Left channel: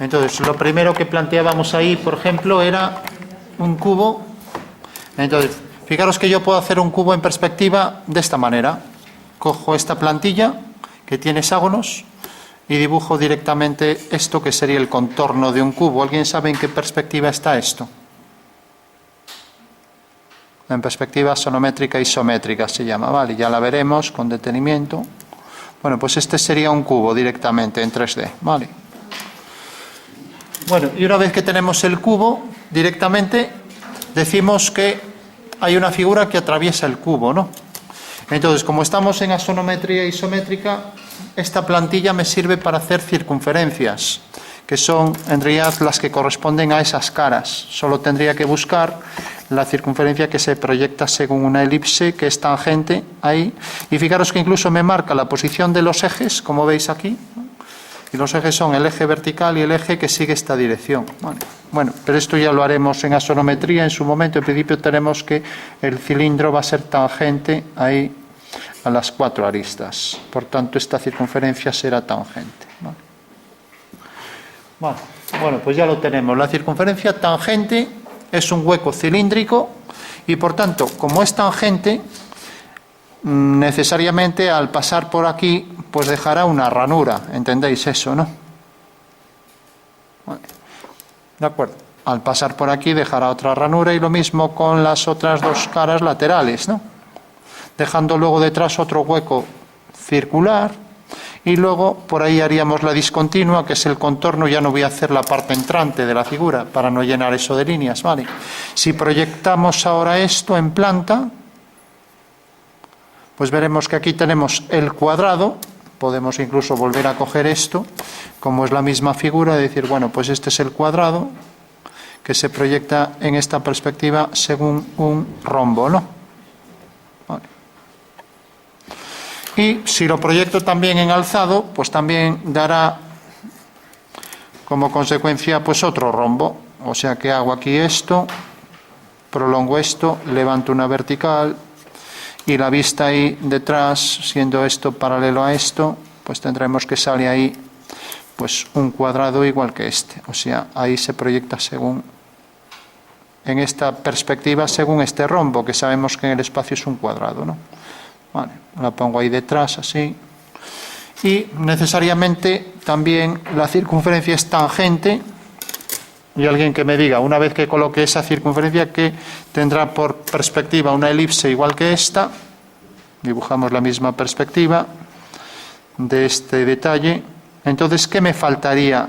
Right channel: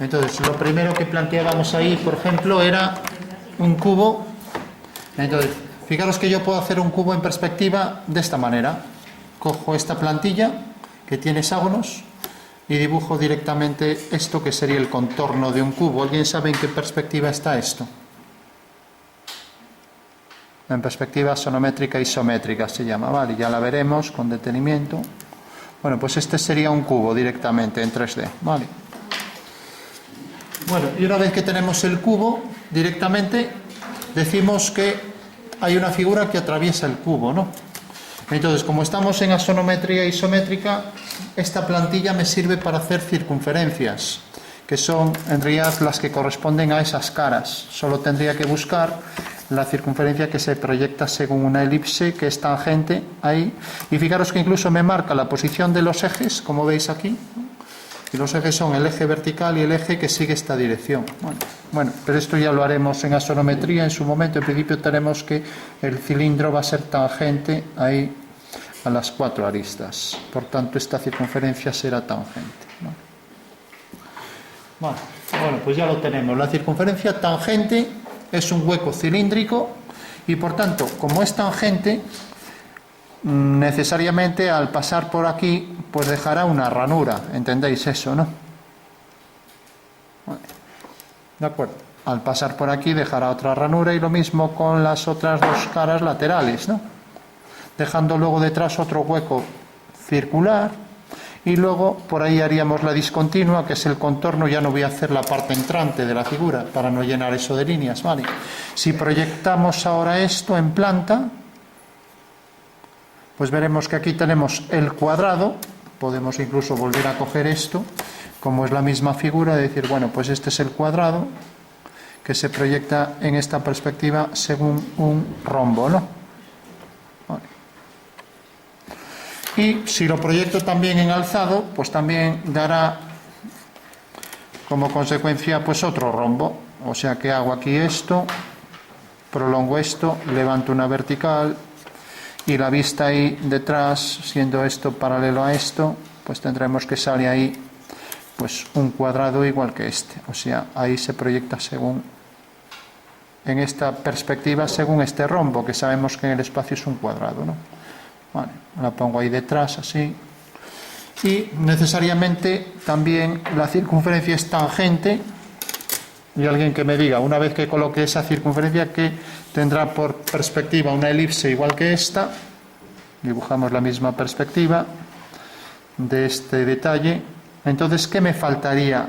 Entonces, lo primero que planteábamos ahí, por ejemplo, era un cubo. Entonces, fijaros que yo puedo hacer un cubo en perspectiva de esta manera. Cojo esta plantilla que tiene hexágonos y dibujo directamente esto que sería el contorno de un cubo. ¿Alguien sabe en qué perspectiva está esto? En perspectiva sonométrica isométrica se llama, ¿vale? Ya la veremos con detenimiento. Bueno, pues este sería un cubo directamente en 3D, ¿vale? Bueno, y una vez que tenemos el cubo directamente, decimos que hay una figura que atraviesa el cubo, ¿no? Entonces, como estamos en asonometría isométrica, esta plantilla me sirve para hacer circunferencias, que son en realidad las que corresponden a esas caras. Solo tendría que buscar la circunferencia que se proyecta según una elipse que es tangente ahí. Y fijaros que incluso me marca la posición de los ejes, como veis aquí. Y los ejes son el eje vertical y el eje que sigue esta dirección. Bueno, pero esto ya lo haremos en asonometría en su momento. En principio tenemos que el cilindro va a ser tangente ahí a las 4 aristas. Por tanto, esta circunferencia será tangente. Bueno, pues ya lo tenemos. La circunferencia tangente es un hueco cilíndrico y, por tanto, como es tangente, necesariamente al pasar por aquí pues dejará una ranura, ¿entendéis eso, no? Vale. De acuerdo, al pasar por aquí dejará otra ranura y lo mismo con las otras dos caras laterales, ¿no? Dejando luego detrás otro hueco circular y luego por ahí haríamos la discontinua, que es el contorno. Ya no voy a hacer la parte entrante de la figura para no llenar eso de líneas, ¿vale? Si proyectamos ahora esto en planta, pues veremos que aquí tenemos el cuadrado. Podemos incluso volver a coger esto, como es la misma figura, y decir, bueno, pues este es el cuadrado que se proyecta en esta perspectiva según un rombo, ¿no? Vale. Y si lo proyecto también en alzado, pues también dará como consecuencia pues otro rombo. O sea que hago aquí esto, prolongo esto, levanto una vertical, y la vista ahí detrás, siendo esto paralelo a esto, pues tendremos que salir ahí pues un cuadrado igual que este. O sea, ahí se proyecta según, en esta perspectiva, según este rombo, que sabemos que en el espacio es un cuadrado, ¿no? Vale, la pongo ahí detrás, así. Y necesariamente también la circunferencia es tangente. Y alguien que me diga, una vez que coloque esa circunferencia, que tendrá por perspectiva una elipse igual que esta. Dibujamos la misma perspectiva de este detalle. Entonces, ¿qué me faltaría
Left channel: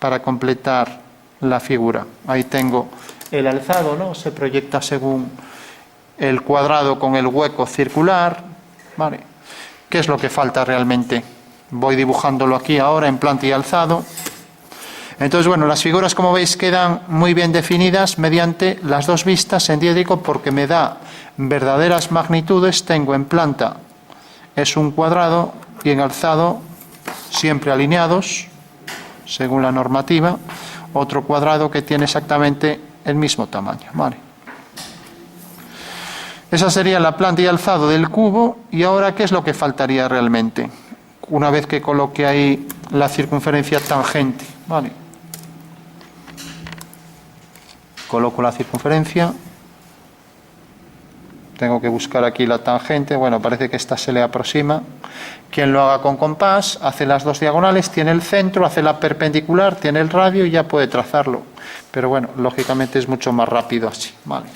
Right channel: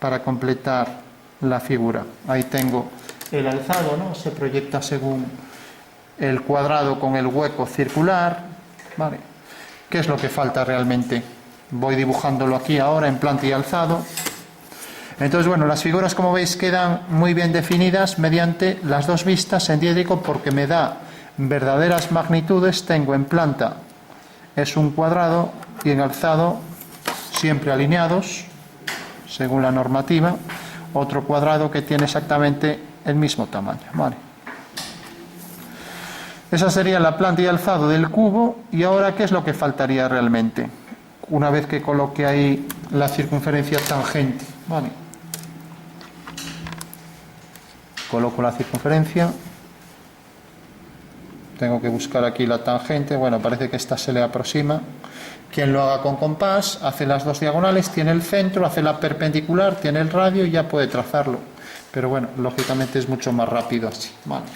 para completar la figura? Ahí tengo el alzado, ¿no? Se proyecta según el cuadrado con el hueco circular, ¿vale? ¿Qué es lo que falta realmente? Voy dibujándolo aquí ahora en planta y alzado. Entonces, bueno, las figuras, como veis, quedan muy bien definidas mediante las dos vistas en diédrico, porque me da verdaderas magnitudes. Tengo en planta, es un cuadrado, y en alzado, siempre alineados, según la normativa, otro cuadrado que tiene exactamente el mismo tamaño, ¿vale? Esa sería la planta y alzado del cubo. Y ahora, ¿qué es lo que faltaría realmente? Una vez que coloque ahí la circunferencia tangente, ¿vale? Coloco la circunferencia, tengo que buscar aquí la tangente. Bueno, parece que esta se le aproxima. Quien lo haga con compás, hace las dos diagonales, tiene el centro, hace la perpendicular, tiene el radio y ya puede trazarlo. Pero bueno, lógicamente es mucho más rápido así, ¿vale?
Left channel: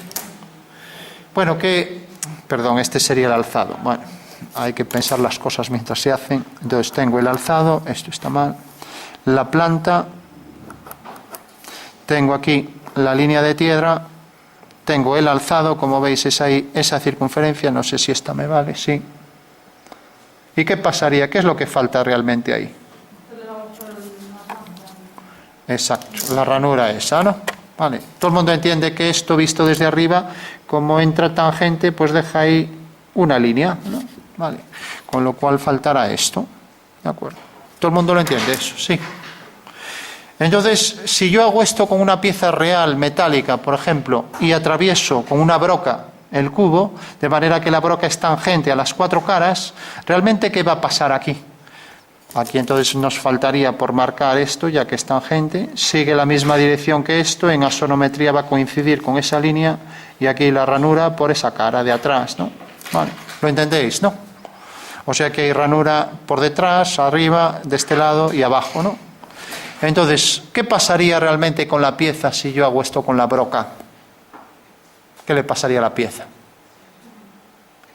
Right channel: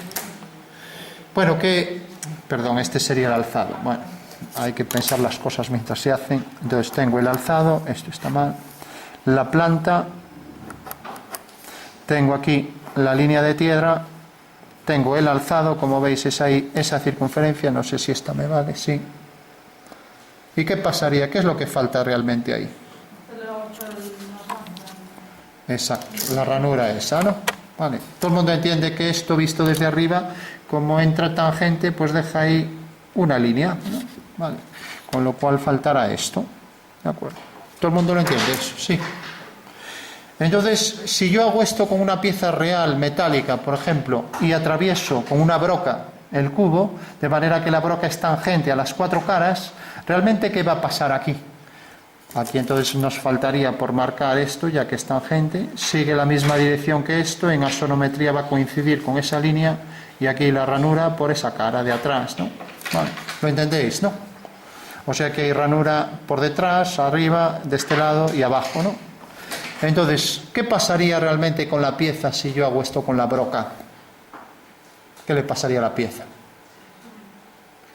Bueno, este sería el alzado. Bueno, hay que pensar las cosas mientras se hacen. Entonces tengo el alzado, esto está mal. La planta, tengo aquí la línea de tierra, tengo el alzado, como veis es ahí esa circunferencia, no sé si esta me vale, sí. ¿Y qué pasaría? ¿Qué es lo que falta realmente ahí? Exacto, la ranura esa, ¿no? Vale, todo el mundo entiende que esto visto desde arriba, como entra tangente, pues deja ahí una línea, ¿no? Vale, con lo cual faltará esto, ¿de acuerdo? ¿Todo el mundo lo entiende eso? Sí. Entonces, si yo hago esto con una pieza real, metálica, por ejemplo, y atravieso con una broca el cubo, de manera que la broca es tangente a las 4 caras, ¿realmente qué va a pasar aquí? Aquí entonces nos faltaría por marcar esto, ya que es tangente. Sigue la misma dirección que esto, en axonometría va a coincidir con esa línea, y aquí la ranura por esa cara de atrás, ¿no? Vale, ¿lo entendéis, no? O sea que hay ranura por detrás, arriba, de este lado y abajo, ¿no? Entonces, ¿qué pasaría realmente con la pieza si yo hago esto con la broca? ¿Qué le pasaría a la pieza?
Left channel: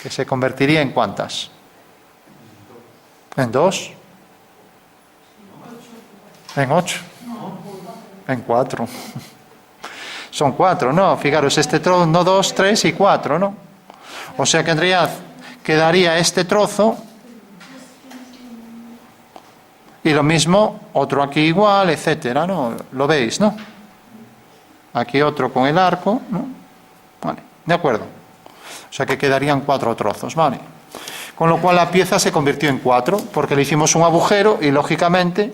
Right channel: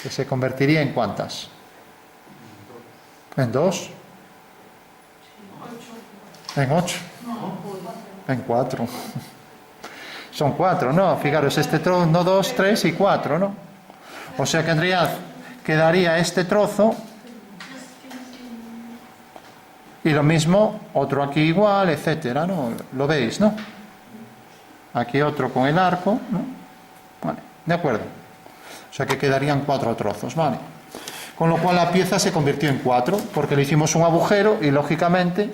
¿Que se convertiría en cuántas? ¿En 2? ¿En 8? En 4. Son 4, ¿no? Fijaros, este trozo, no 2, 3 y 4, ¿no? O sea que en realidad quedaría este trozo y lo mismo, otro aquí igual, etcétera, ¿no? Lo veis, ¿no? Aquí otro con el arco, ¿no? Vale, de acuerdo. O sea que quedarían 4 trozos, ¿vale? Con lo cual la pieza se convirtió en 4, porque le hicimos un agujero y lógicamente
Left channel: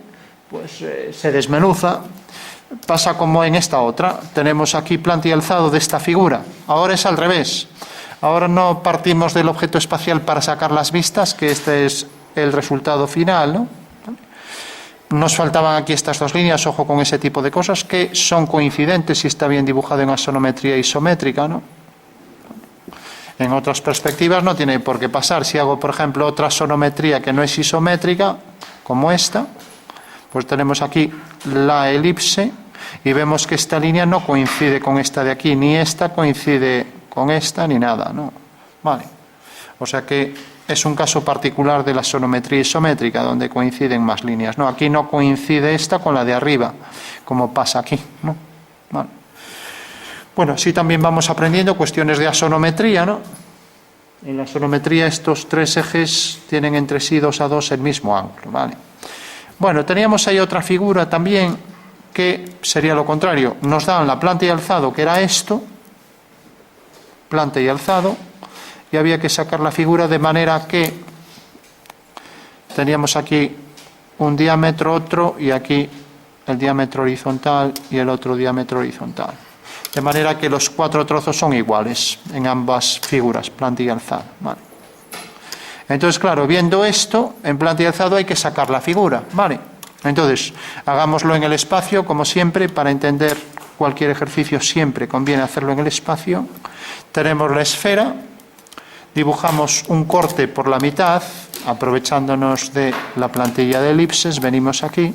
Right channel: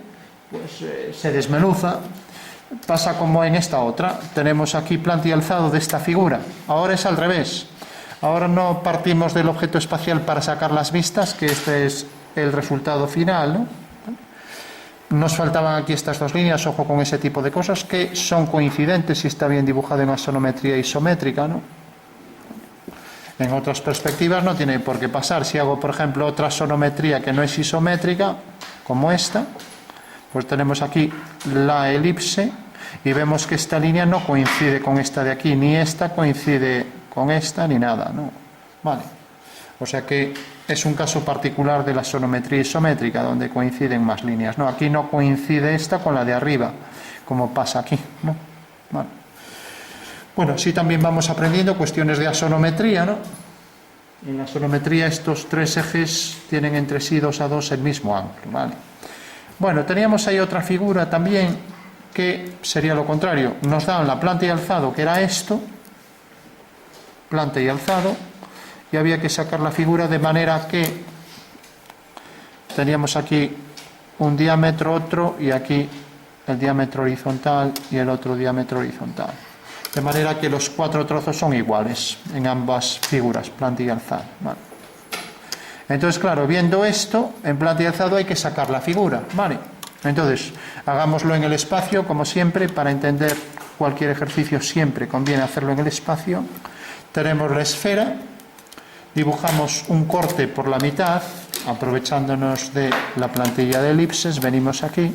pues se desmenuza. Pasa como en esta otra. Tenemos aquí planta y alzado de esta figura. Ahora es al revés. Ahora no partimos del objeto espacial para sacar las vistas, que este es el resultado final, ¿no? Nos faltaban aquí estas dos líneas, ojo con ese tipo de cosas, que son coincidentes si está bien dibujado en axonometría isométrica, ¿no? En otras perspectivas no tiene por qué pasar. Si hago, por ejemplo, otra axonometría que no es isométrica, como esta, pues tenemos aquí la elipse y vemos que esta línea no coincide con esta de aquí, ni esta coincide con esta, ni nada, ¿no? Vale. O sea que es un caso particular de la axonometría isométrica, donde coinciden más líneas, ¿no? Aquí no coincide esta con la de arriba, como pasa aquí, ¿no? Vale. Bueno, sí, también vamos aprendiendo cuestiones de axonometría, ¿no? En la axonometría estos 3 ejes tienen entre sí 2 a 2 el mismo ángulo, ¿vale? Bueno, teníamos ahí otra figura también que sería lo contrario. Nos dan la planta y alzado, que era esto, planta y alzado, y había que sacar la figura de manera que teníamos aquí un diámetro, otro, y aquí el diámetro horizontal y el otro diámetro horizontal. De manera que los 4 trozos son iguales en ambas figuras, planta y alzado. Vale. Entonces, claro, viendo esto, en planta y alzado hay que sacar la figura. Vale. Entonces, hagámoslo en el espacio, como siempre, para entender cualquier ejercicio siempre conviene hacerlo en el espacio. Tenemos la esfera, dibujamos un corte por la mitad, aprovechándonos de la plantilla de elipses, venimos aquí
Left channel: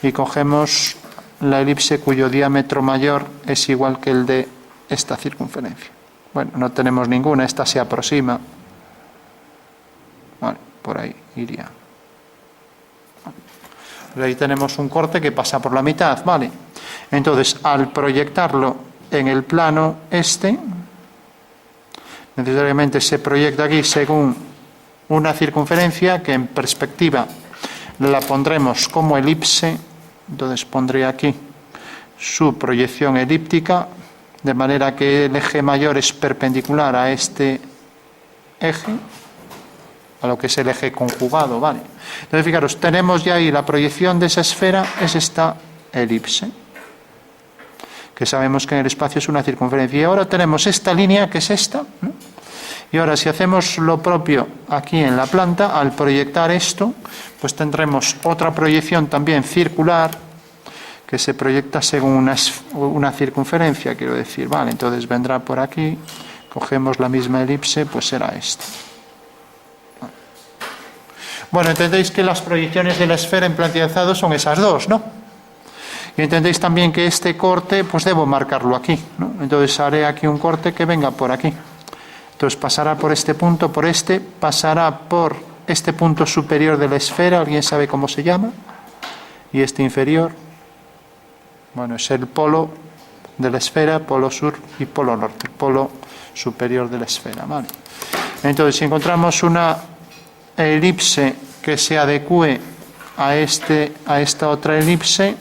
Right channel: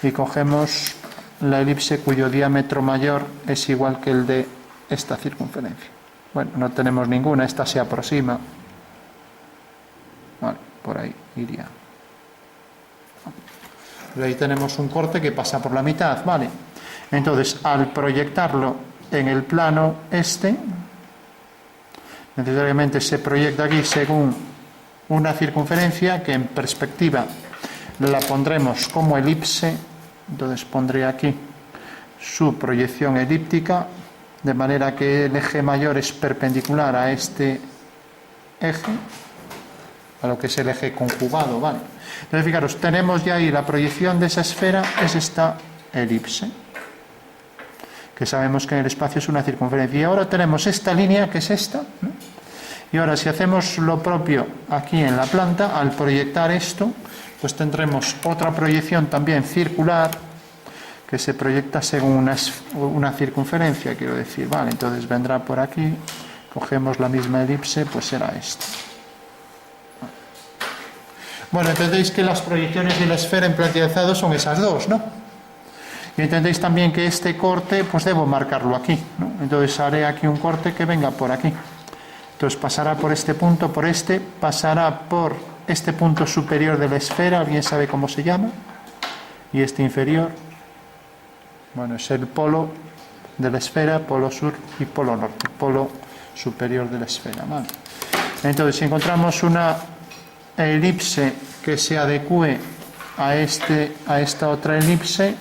y cogemos la elipse cuyo diámetro mayor es igual que el de esta circunferencia. Bueno, no tenemos ninguna, esta se aproxima. Vale, por ahí iría. Ahí tenemos un corte que pasa por la mitad, ¿vale? Entonces, al proyectarlo en el plano este, necesariamente se proyecta aquí según una circunferencia que en perspectiva la pondremos como elipse. Entonces pondré aquí su proyección elíptica, de manera que el eje mayor es perpendicular a este eje, a lo que es el eje conjugado, ¿vale? Entonces, fijaros, tenemos ya ahí la proyección de esa esfera, es esta elipse, que sabemos que en el espacio es una circunferencia. Y ahora tenemos esta línea, que es esta, ¿no? Y ahora, si hacemos lo propio aquí en la planta, al proyectar esto, pues tendremos otra proyección también circular, que se proyecta según una circunferencia, quiero decir, ¿vale? Entonces vendrá por aquí, cogemos la misma elipse, pues será esta. Bueno, entendéis que las proyecciones de la esfera en planta y alzado son esas dos, ¿no? Y entendéis también que este corte, pues debo marcarlo aquí, ¿no? Entonces haré aquí un corte que venga por aquí. Entonces pasará por este punto, por este, pasará por este punto superior de la esfera, ¿alguien sabe cómo se llama? Y este inferior, bueno, es el polo de la esfera, polo sur y polo norte, polo superior de la esfera, ¿vale? Entonces, si encontramos una elipse que se adecue a esta otra elipse,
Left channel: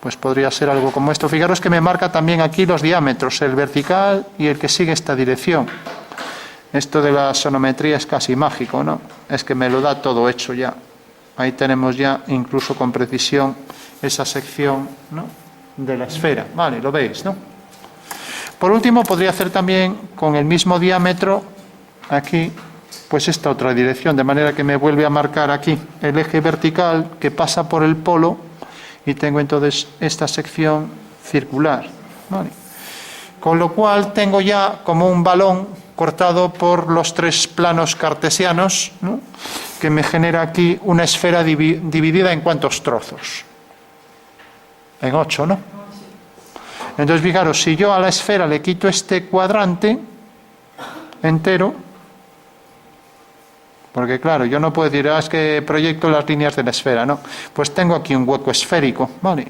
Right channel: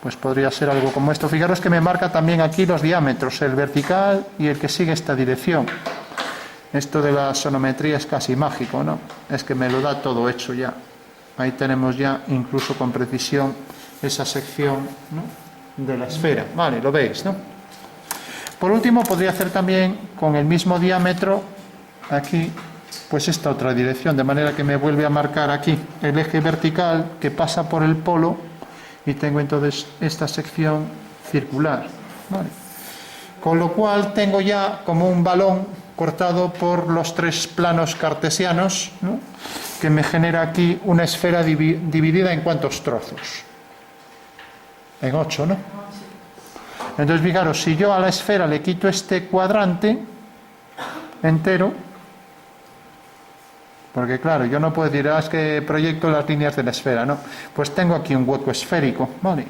pues podría ser algo como esto. Fijaros que me marca también aquí los diámetros, el vertical y el que sigue esta dirección. Esto de la axonometría es casi mágico, ¿no? Es que me lo da todo hecho ya. Ahí tenemos ya, incluso con precisión, esa sección, ¿no?, de la esfera. Vale, lo veis, ¿no? Por último, podría hacer también con el mismo diámetro aquí pues esta otra dirección, de manera que me vuelve a marcar aquí el eje vertical que pasa por el polo y tengo entonces esta sección circular, ¿vale? Con lo cual tengo ya como un balón cortado por los tres planos cartesianos, ¿no?, que me genera aquí una esfera dividida en ¿cuántos trozos? En 8, ¿no? Entonces, fijaros, si yo a la esfera le quito este cuadrante entero, porque claro, yo no puedo decir, es que proyecto las líneas de la esfera, no, pues tengo aquí un hueco esférico, ¿vale?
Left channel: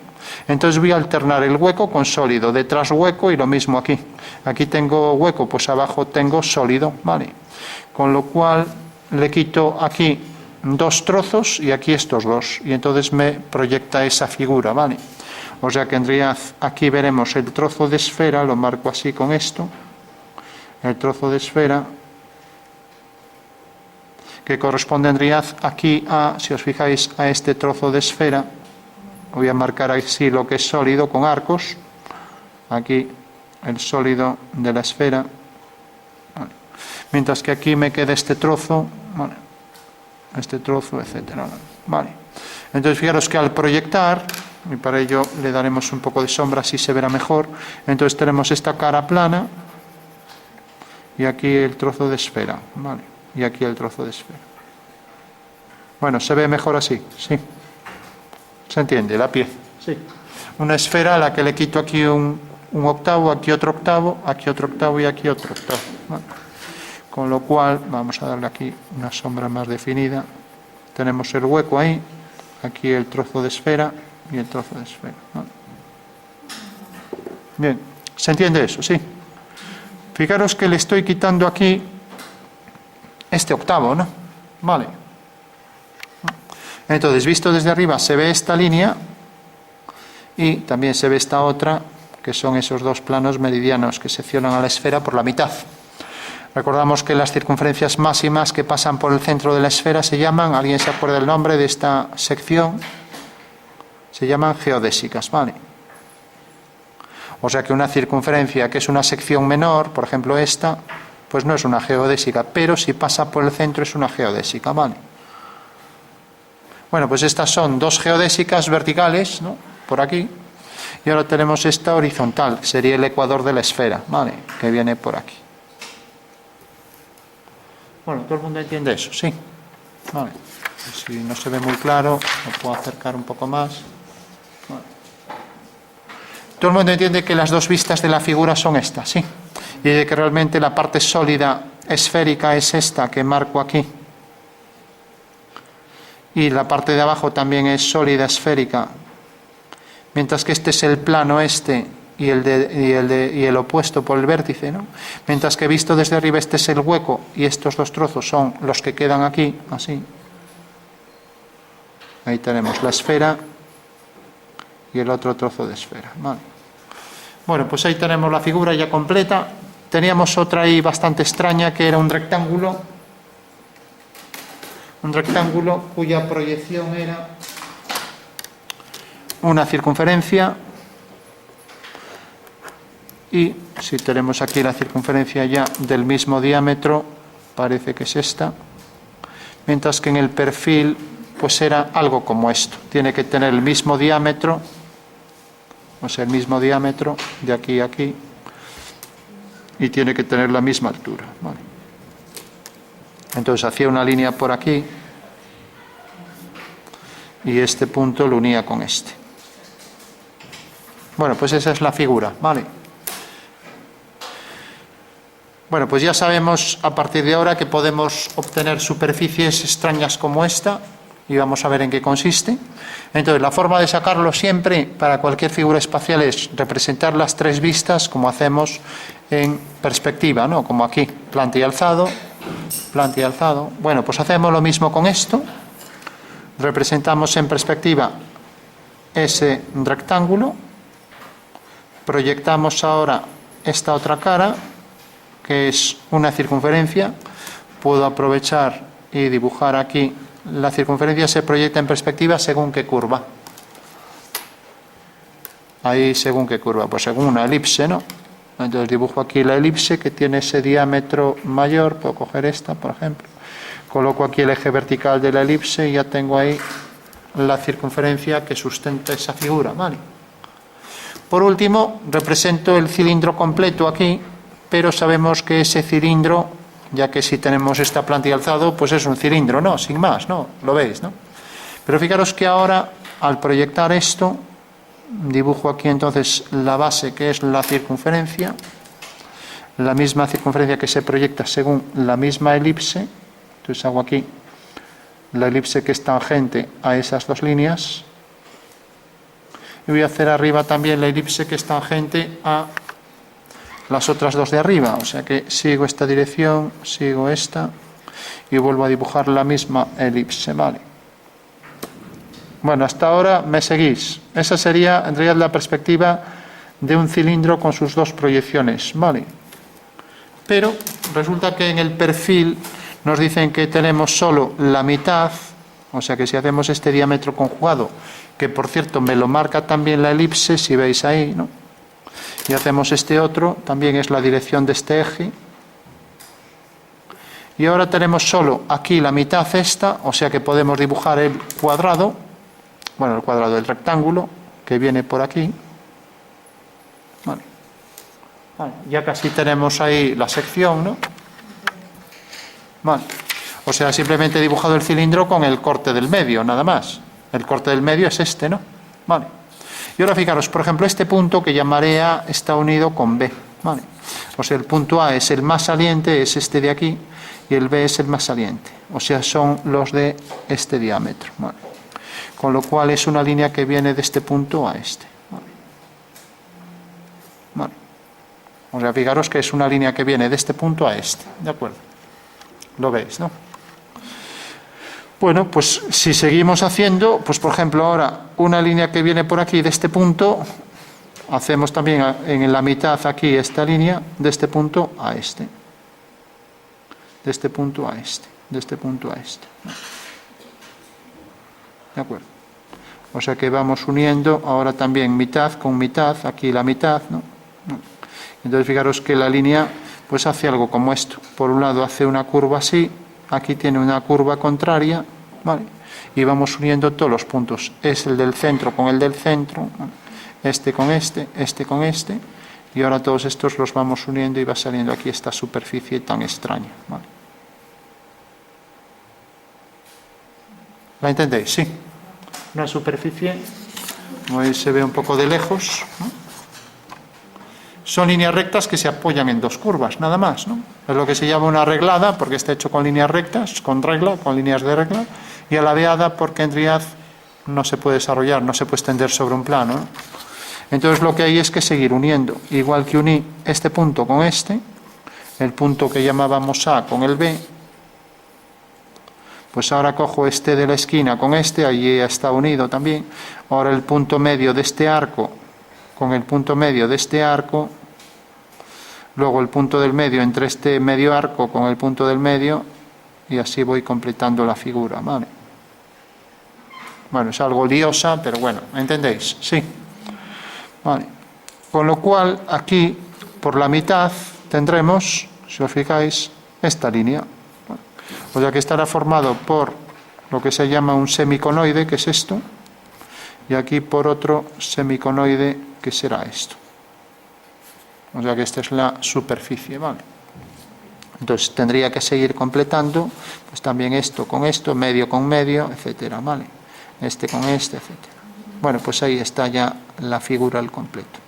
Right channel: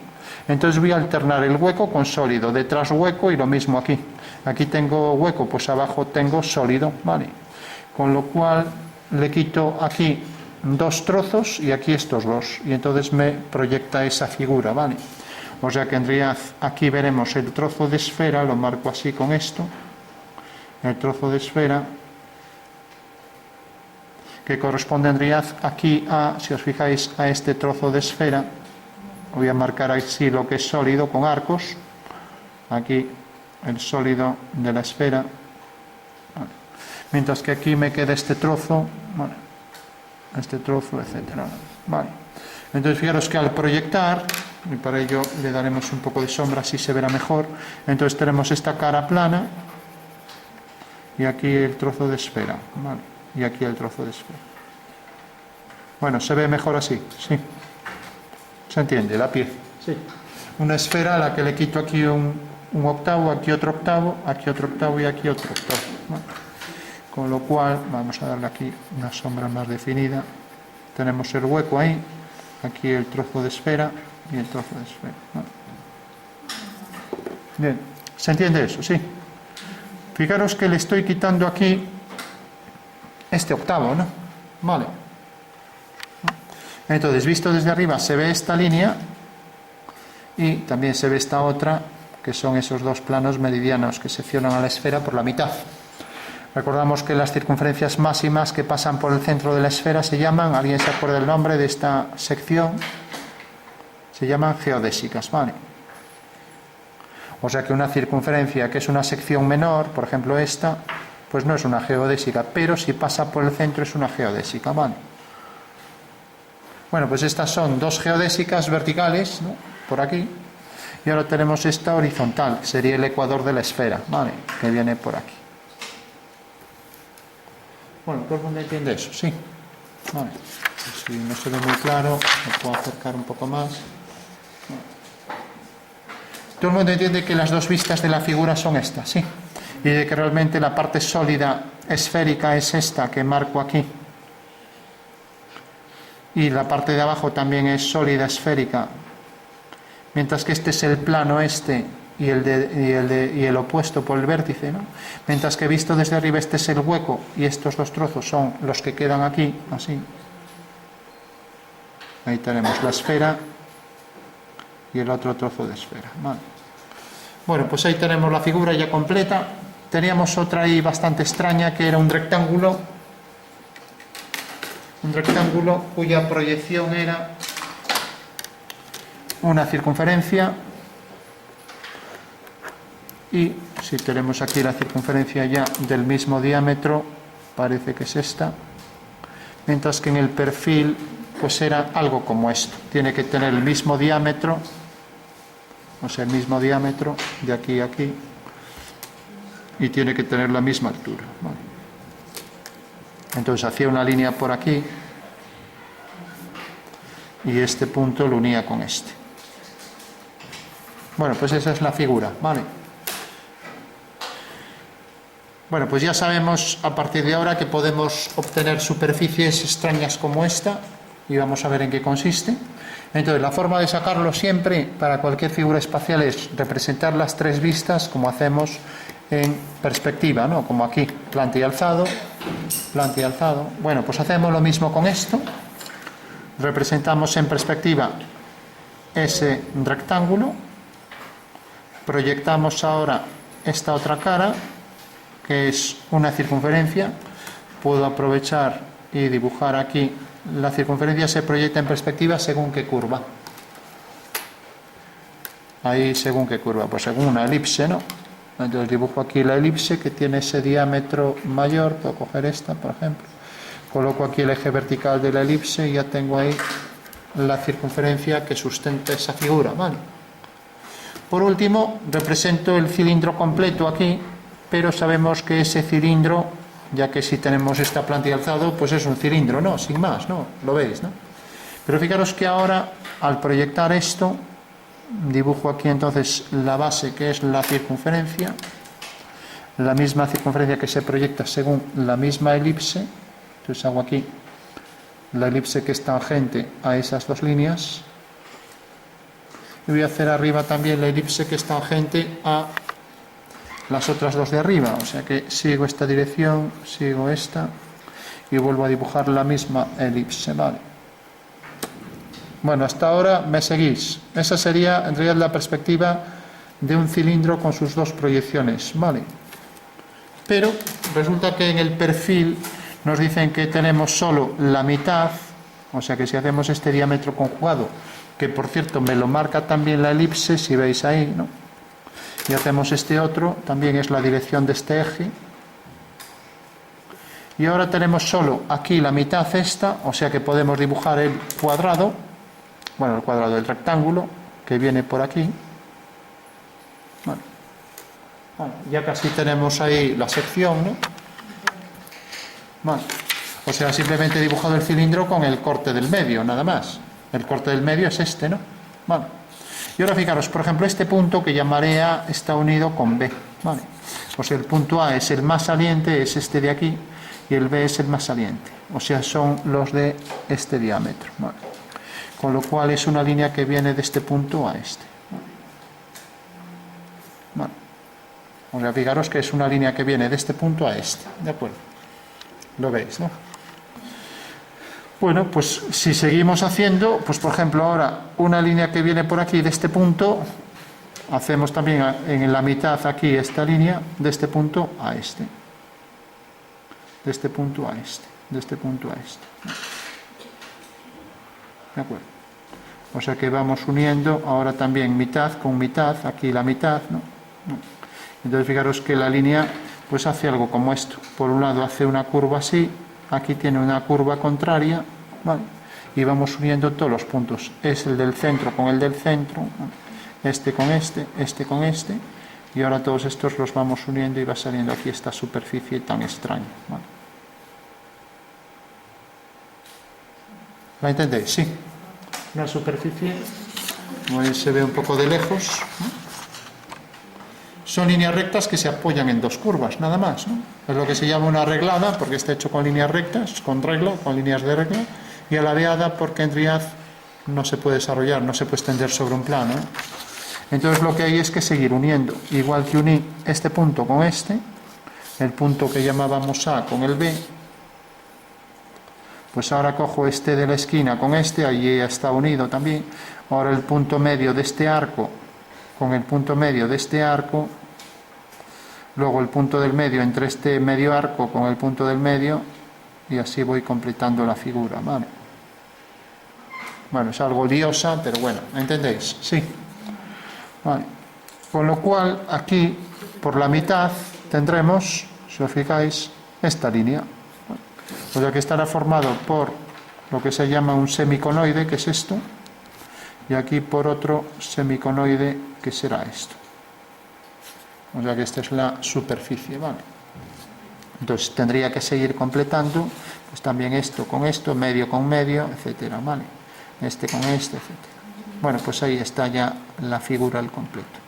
Entonces voy a alternar el hueco con sólido, detrás hueco y lo mismo aquí. Aquí tengo hueco, pues abajo tengo sólido, ¿vale? Con lo cual le quito aquí 2 trozos y aquí estos 2, y entonces me proyecta esa figura, ¿vale? O sea que aquí veremos el trozo de esfera, lo marco así con esto, el trozo de esfera, que correspondería aquí a, si os fijáis, a este trozo de esfera. Voy a marcar así lo que es sólido con arcos, aquí el sólido de la esfera, vale. Mientras que aquí me queda este trozo, vale, este trozo, etcétera, vale. Entonces fijaros que al proyectar, y para ello le daremos un poco de sombra, así se verá mejor, entonces tenemos esta cara plana y aquí el trozo de esfera, vale, y aquí el trozo de esfera. Bueno, se ve mejor así, sí. ¿Se entiende? La pie. Sí. Una esfera a la que le quito aquí un octavo, aquí otro octavo, aquí otro octavo y aquí otro octavo. Bueno, con lo cual, vamos a darle aquí una sombra más definida. Tenemos el hueco ahí, aquí el trozo de esfera y el trozo de esfera. Bueno. Bien, ¿se entiende eso? Sí. Fijaros que le estoy quitando aquí este octavo, ¿no? Vale. Entonces, visto desde arriba, se ve esta línea y también se ve esta otra, que son esos 2 planos meridianos que seccionan a la esfera por la mitad. Recordamos que las circunferencias máximas que pasan por el centro de la esfera se llaman, ¿alguien se acuerda el nombre de esta sección? Se llaman geodésicas, ¿vale? O sea que una circunferencia que es una sección menor, por ejemplo esta, pues no es una geodésica, pero si pasa por el centro es una geodésica, ¿vale? Bueno, pues estas son 2 geodésicas verticales, ¿no?, por aquí, y ahora tenemos esta horizontal, que sería el ecuador de la esfera, ¿vale?, que viene por aquí. Bueno, ¿todo el mundo entiende eso? Sí. Vale. Pues si no se ve muy claro, me puedo acercar un poco más. Vale. Todo el mundo entiende que las 2 vistas de la figura son estas, ¿sí? Y de que realmente la parte sólida esférica es esta que marco aquí. Y la parte de abajo también es sólida esférica, mientras que este es el plano este y el opuesto por el vértice, ¿no? Mientras que visto desde arriba este es el hueco y estos 2 trozos son los que quedan aquí, así. Ahí tenemos la esfera y el otro trozo de esfera, ¿vale? Bueno, pues ahí tenemos la figura ya completa. Teníamos otra ahí bastante extraña, que era un rectángulo cuya proyección era una circunferencia, y si tenemos aquí la circunferencia ya del mismo diámetro, parece que es esta, mientras que en el perfil pues era algo como esto, tiene que tener el mismo diámetro, o sea, el mismo diámetro de aquí a aquí, y tiene que tener la misma altura, ¿vale? Entonces hacía una línea por aquí y este punto lo unía con este. Bueno, pues esa es la figura, ¿vale? Bueno, pues ya sabemos a partir de ahora que podemos obtener superficies extrañas como esta, y vamos a ver en qué consiste. Entonces, la forma de sacarlo siempre para cualquier figura espacial es representar las 3 vistas como hacemos en perspectiva, ¿no? Como aquí, planta y alzado, planta y alzado. Bueno, pues hacemos lo mismo con esto. Representamos en perspectiva ese rectángulo. Proyectamos ahora esta otra cara, que es una circunferencia. Puedo aprovechar y dibujar aquí. La circunferencia se proyecta en perspectiva según qué curva. Ahí según qué curva, pues según una elipse, ¿no? Entonces dibujo aquí la elipse que tiene ese diámetro mayor. Puedo coger esta, por ejemplo. Coloco aquí el eje vertical de la elipse y ya tengo ahí la circunferencia que sustenta esa figura, ¿vale? Por último, represento el cilindro completo aquí, pero sabemos que ese cilindro, ya que si tenemos esta plantilla alzado, pues es un cilindro, ¿no? Sin más, ¿no? Lo veis, ¿no? Pero fijaros que ahora, al proyectar esto, dibujo aquí entonces la base, que es la circunferencia, la misma circunferencia que se proyecta según la misma elipse. Entonces hago aquí la elipse que es tangente a esas dos líneas. Y voy a hacer arriba también la elipse que es tangente a las otras dos de arriba. O sea que sigo esta dirección, sigo esta y vuelvo a dibujar la misma elipse, ¿vale? Bueno, hasta ahora me seguís. Esa sería en realidad la perspectiva de un cilindro con sus dos proyecciones, ¿vale? Pero resulta que en el perfil nos dicen que tenemos solo la mitad, o sea que si hacemos este diámetro conjugado, que por cierto me lo marca también la elipse, si veis ahí, ¿no? Y hacemos este otro, también es la dirección de este eje. Y ahora tenemos solo aquí la mitad esta, o sea que podemos dibujar el cuadrado, bueno, el cuadrado del rectángulo, que viene por aquí. Bueno, ya casi tenemos ahí la sección, ¿no? Vale. O sea, simplemente he dibujado el cilindro con el corte del medio, nada más. El corte del medio es este, ¿no? Vale. Y ahora fijaros, por ejemplo, este punto que llamaré A está unido con B, ¿vale? O sea, el punto A es el más saliente, es este de aquí, y el B es el más saliente. O sea, son los de este diámetro, ¿vale? Con lo cual es una línea que viene de este punto a este, ¿vale? Vale. O sea, fijaros que es una línea que viene de este punto a este, ¿de acuerdo? Lo veis, ¿no? Bueno, pues si seguimos haciendo, pues por ejemplo ahora una línea que viene por aquí de este punto, hacemos también en la mitad aquí esta línea de este punto a este, de este punto a este, de este punto a este. ¿De acuerdo? O sea que vamos uniendo ahora también mitad con mitad, aquí la mitad, ¿no? Entonces fijaros que la línea pues hace algo como esto. Por un lado hace una curva así, aquí tiene una curva contraria, ¿vale? Y vamos uniendo todos los puntos. Es el del centro con el del centro, ¿vale? Este con este con este, y ahora todos estos los vamos uniendo y va saliendo aquí esta superficie tan extraña, ¿vale? ¿La entendéis? Sí. Una superficie, como veis se ve un poco de lejos, ¿no? Son líneas rectas que se apoyan en dos curvas, nada más, ¿no? Es lo que se llama una reglada, porque está hecho con líneas rectas, con regla, con líneas de regla, y alabeada porque en realidad no se puede desarrollar, no se puede extender sobre un plano, ¿no? Entonces lo que hay es que seguir uniendo, igual que uní este punto con este, el punto que llamábamos A con el B, pues ahora cojo este de la esquina con este, allí ya está unido también, ahora el punto medio de este arco con el punto medio de este arco, luego el punto del medio entre este medio arco con el punto del medio, y así voy completando la figura, ¿vale? Bueno, es algo liosa, pero bueno, ¿entendéis? Sí. Vale. Con lo cual, aquí, por la mitad, tendremos, si os fijáis, esta línea. O sea que estará formado por lo que se llama un semiconoide, que es esto, y aquí por otro semiconoide, que será esto. O sea que esta es la superficie, ¿vale? Entonces tendría que seguir completando, pues también esto con esto, medio con medio, etcétera, ¿vale? Este con este, etcétera. Bueno, pues ahí está ya la figura al completo.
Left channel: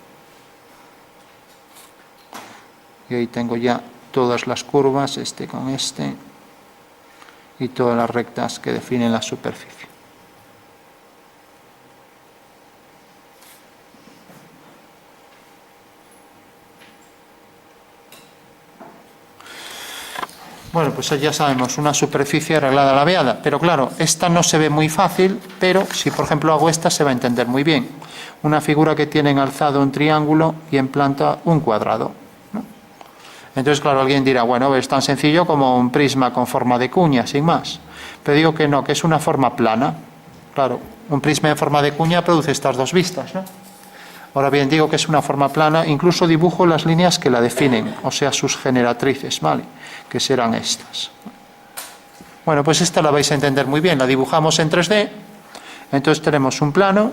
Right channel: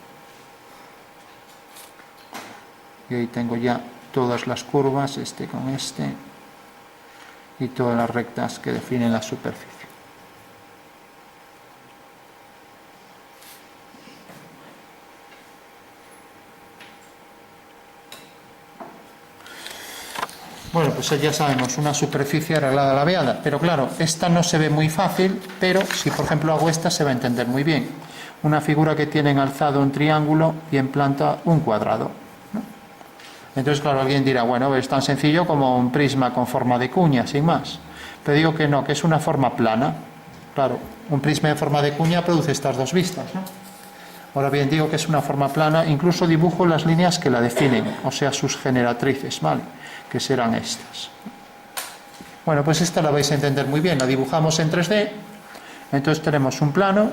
Y ahí tengo ya todas las curvas, este con este, y todas las rectas que definen la superficie. Bueno, pues ya sabemos, una superficie arreglada alabeada, pero claro, esta no se ve muy fácil, pero si por ejemplo hago esta se va a entender muy bien. Una figura que tiene en alzado un triángulo y en planta un cuadrado, ¿no? Entonces, claro, alguien dirá, bueno, es tan sencillo como un prisma con forma de cuña, sin más. Pero digo que no, que es una forma plana. Claro, un prisma en forma de cuña produce estas dos vistas, ¿no? Ahora bien, digo que es una forma plana, incluso dibujo las líneas que la definen, o sea, sus generatrices, ¿vale? Que serán estas. Bueno, pues esta la vais a entender muy bien, la dibujamos en 3D, entonces tenemos un plano,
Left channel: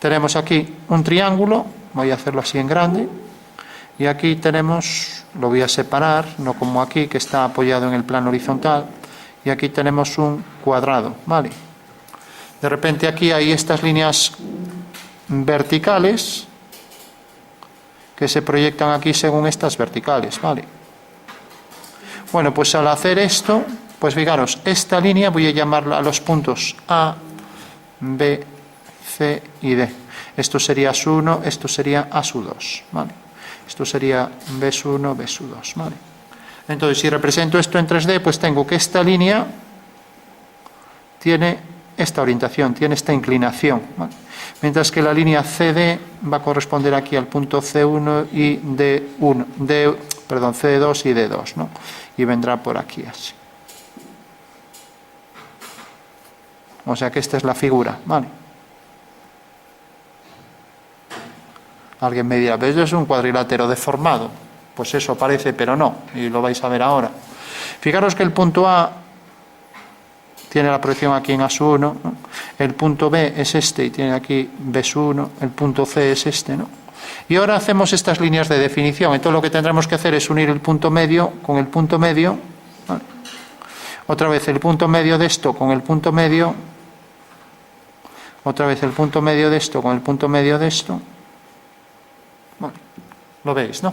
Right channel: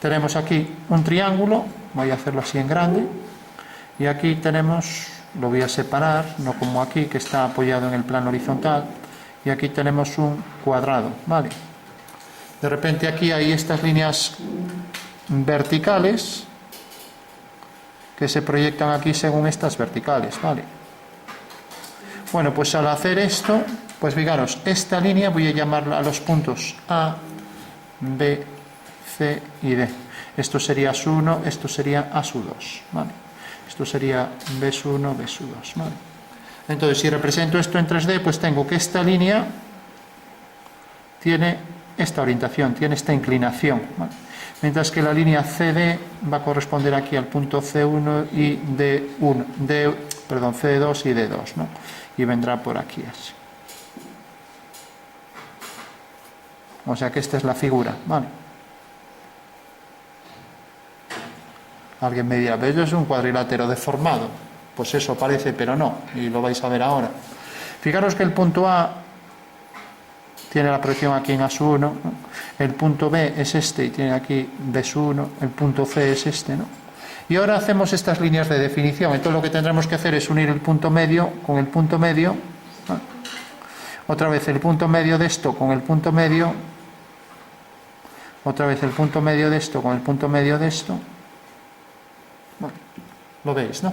tenemos aquí un triángulo, voy a hacerlo así en grande, y aquí tenemos, lo voy a separar, no como aquí que está apoyado en el plano horizontal, y aquí tenemos un cuadrado, ¿vale? De repente aquí hay estas líneas verticales que se proyectan aquí según estas verticales, ¿vale? Bueno, pues al hacer esto, pues fijaros, esta línea voy a llamarla a los puntos A, B, C y D. Esto sería S1, esto sería A2, ¿vale? Esto sería B1, B2, ¿vale? Entonces, si represento esto en 3D, pues tengo que esta línea tiene esta orientación, tiene esta inclinación, ¿vale? Mientras que la línea CD va a corresponder aquí al punto C1 y C2 y D2, ¿no? Y vendrá por aquí así. O sea que esta es la figura, ¿vale? Alguien me dirá, ¿ves? Es un cuadrilátero deformado. Pues eso parece, pero no, y lo vais a ver ahora. Fijaros que el punto A tiene la proyección aquí en A1, ¿no? El punto B es este y tiene aquí B1, el punto C es este, ¿no? Y ahora hacemos estas líneas de definición. Entonces lo que tendremos que hacer es unir el punto medio con el punto medio, ¿vale? Otra vez el punto medio de esto con el punto medio, otra vez el punto medio de esto con el punto medio de esto. Vale. Lo veis, ¿no?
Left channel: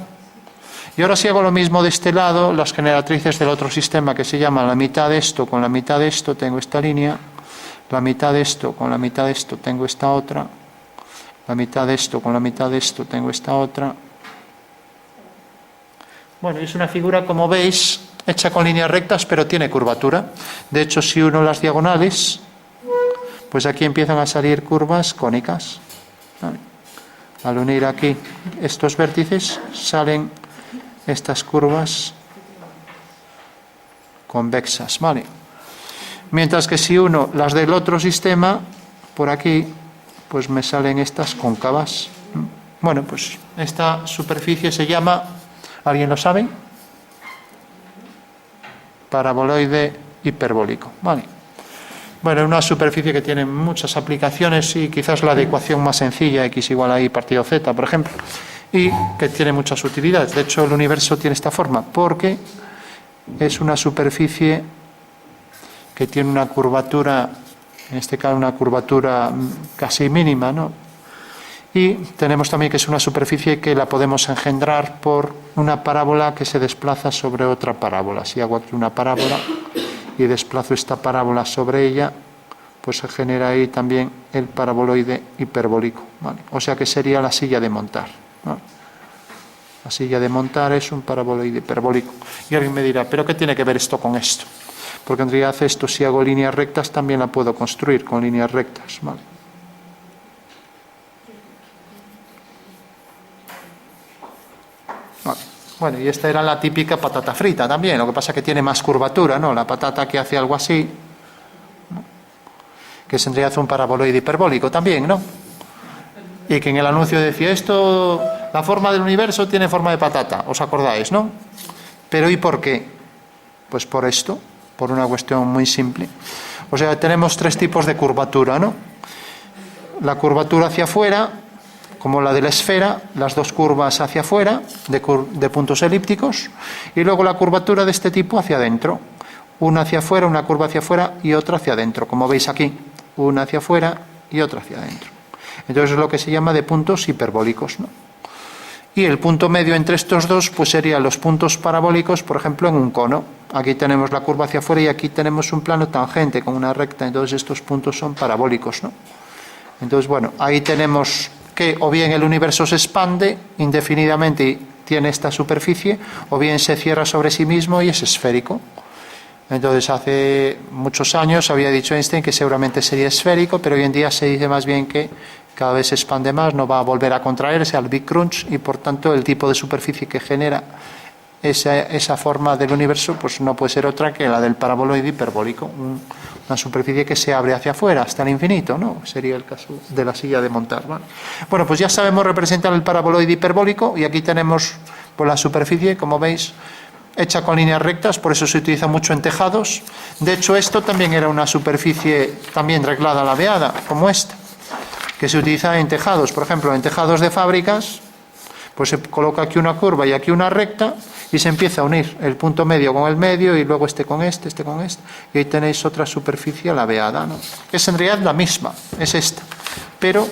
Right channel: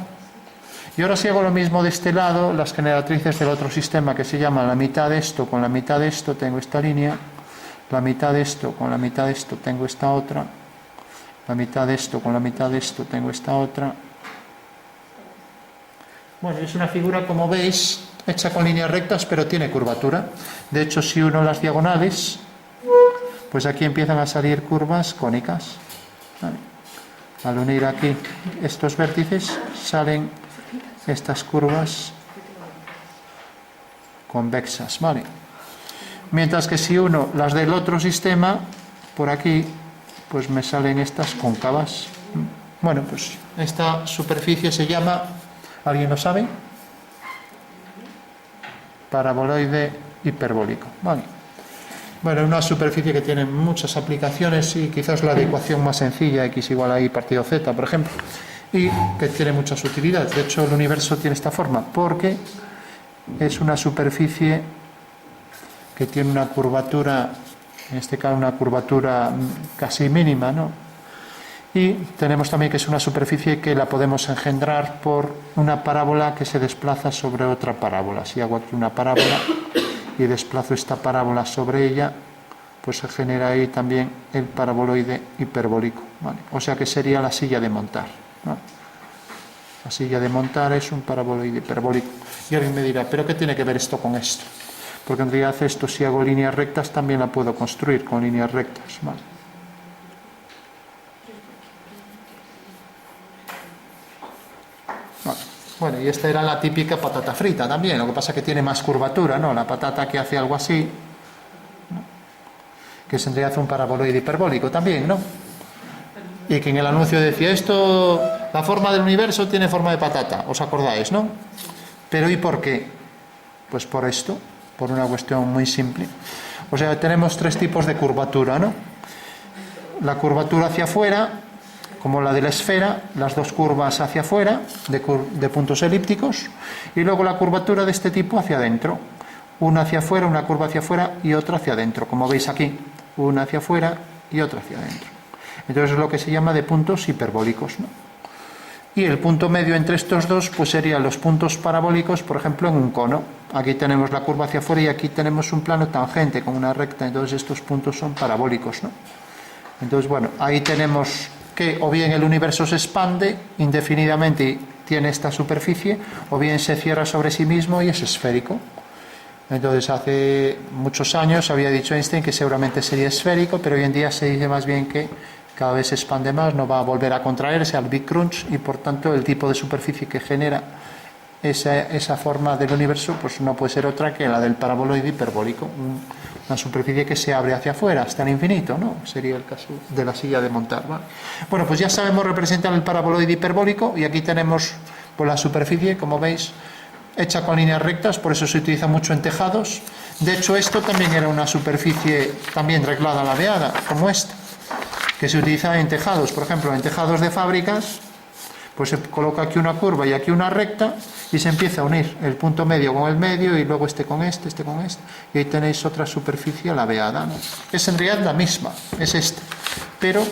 Y ahora si hago lo mismo de este lado, las generatrices del otro sistema que se llama la mitad de esto con la mitad de esto, tengo esta línea, la mitad de esto con la mitad de esto tengo esta otra, la mitad de esto con la mitad de esto tengo esta otra. Bueno, es una figura, como veis, hecha con líneas rectas, pero tiene curvatura. De hecho, si uno las diagonales, pues aquí empiezan a salir curvas cónicas, ¿vale? Al unir aquí estos vértices salen estas curvas convexas, ¿vale? Mientras que si uno las del otro sistema, por aquí, pues me salen estas cóncavas. Bueno, pues esta superficie se llama, ¿alguien lo sabe? Paraboloide hiperbólico, ¿vale? Bueno, una superficie que tiene muchas aplicaciones y quizás la adecuación más sencilla, x igual a y partido z, por ejemplo, y que tiene muchas utilidades. De hecho, el universo tiene esta forma porque es una superficie que tiene una curvatura, en este caso una curvatura casi mínima, ¿no? Y tenemos también que es una superficie que la podemos engendrar por una parábola que se desplaza sobre otra parábola. Si hago aquí una parábola y desplazo esta parábola sobre ella, pues se genera ahí también el paraboloide hiperbólico, ¿vale? O sea que sería la silla de montar, ¿no? La silla de montar es un paraboloide hiperbólico. Y alguien me dirá, ¿pero qué tiene que ver esto con esto? Porque en realidad esto, si hago líneas rectas, también la puedo construir con líneas rectas, ¿vale? Bueno, y esta era la típica patata frita también, lo que pasa es que tiene más curvatura, ¿no? La patata que hace algo así, ¿no? Que se hace un paraboloide hiperbólico también, ¿no? Y que en el anuncio decía, esto, la forma del universo tiene forma de patata, ¿os acordáis, no? Pero ¿y por qué? Pues por esto, por una cuestión muy simple. O sea, tenemos tres tipos de curvatura, ¿no? La curvatura hacia afuera, como la de la esfera, las dos curvas hacia afuera, de puntos elípticos, y luego la curvatura de este tipo hacia adentro. Una hacia afuera, una curva hacia afuera y otra hacia adentro, como veis aquí. Una hacia afuera y otra hacia adentro. Entonces es lo que se llama de puntos hiperbólicos, ¿no? Y el punto medio entre estos dos, pues serían los puntos parabólicos, por ejemplo, en un cono. Aquí tenemos la curva hacia afuera y aquí tenemos un plano tangente con una recta, entonces estos puntos son parabólicos, ¿no? Entonces, bueno, ahí tenemos que o bien el universo se expande indefinidamente y tiene esta superficie, o bien se cierra sobre sí mismo y es esférico. Entonces, hace muchos años había dicho Einstein que seguramente sería esférico, pero hoy en día se dice más bien que cada vez se expande más, no va a volver a contraerse al Big Crunch, y por tanto el tipo de superficie que genera esa forma del universo pues no puede ser otra que la del paraboloide hiperbólico, una superficie que se abre hacia afuera hasta el infinito, ¿no? Sería el caso de la silla de montar, ¿vale? Bueno, pues ya sabemos representar el paraboloide hiperbólico, y aquí tenemos pues la superficie, como veis, hecha con líneas rectas, por eso se utiliza mucho en tejados. De hecho, esto también era una superficie también reglada ladeada, como esta, que se utiliza en tejados. Por ejemplo, en tejados de fábricas, pues se coloca aquí una curva y aquí una recta y se empieza a unir el punto medio con el medio y luego este con este con este. Y ahí tenéis otra superficie ladeada, ¿no? Es en realidad la misma, es esta. Pero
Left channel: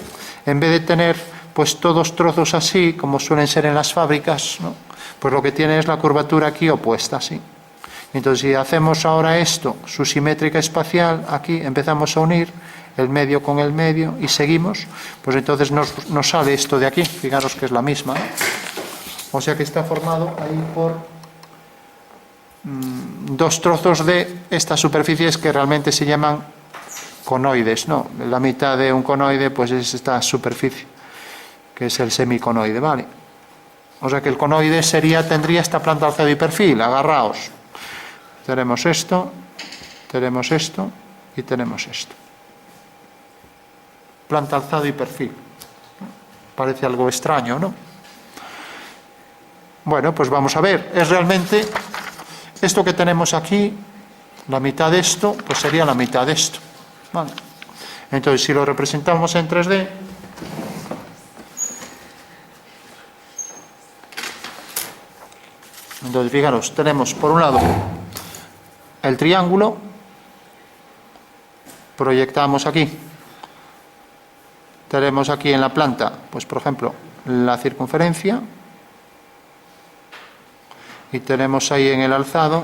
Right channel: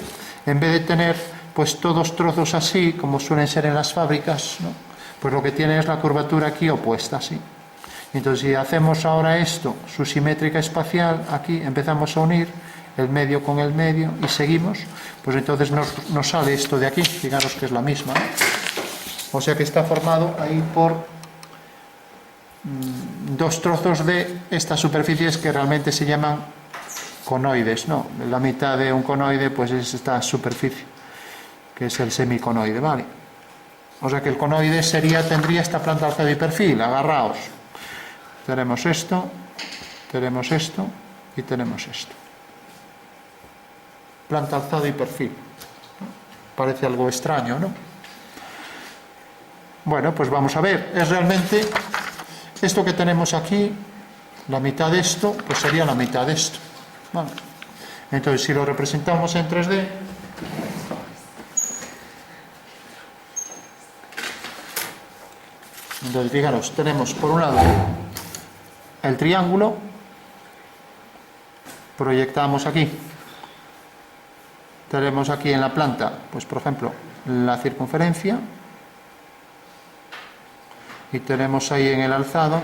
en vez de tener pues todos trozos así, como suelen ser en las fábricas, ¿no? Pues lo que tiene es la curvatura aquí opuesta, así. Entonces, si hacemos ahora esto, su simétrica espacial, aquí empezamos a unir el medio con el medio y seguimos, pues entonces nos sale esto de aquí, fijaros que es la misma, ¿no? O sea que está formado ahí por dos trozos de estas superficies que realmente se llaman conoides, ¿no? La mitad de un conoide pues es esta superficie, que es el semiconoide, ¿vale? O sea que el conoide tendría esta planta alzado y perfil, agarraos. Tenemos esto y tenemos esto. Planta alzado y perfil. Parece algo extraño, ¿no? Bueno, pues vamos a ver. Es realmente esto que tenemos aquí, la mitad de esto, pues sería la mitad de esto. ¿Vale? Entonces, si lo representamos en 3D, entonces fijaros, tenemos por un lado el triángulo, proyectamos aquí, tenemos aquí en la planta, pues por ejemplo, la circunferencia, y tenemos ahí en el alzado,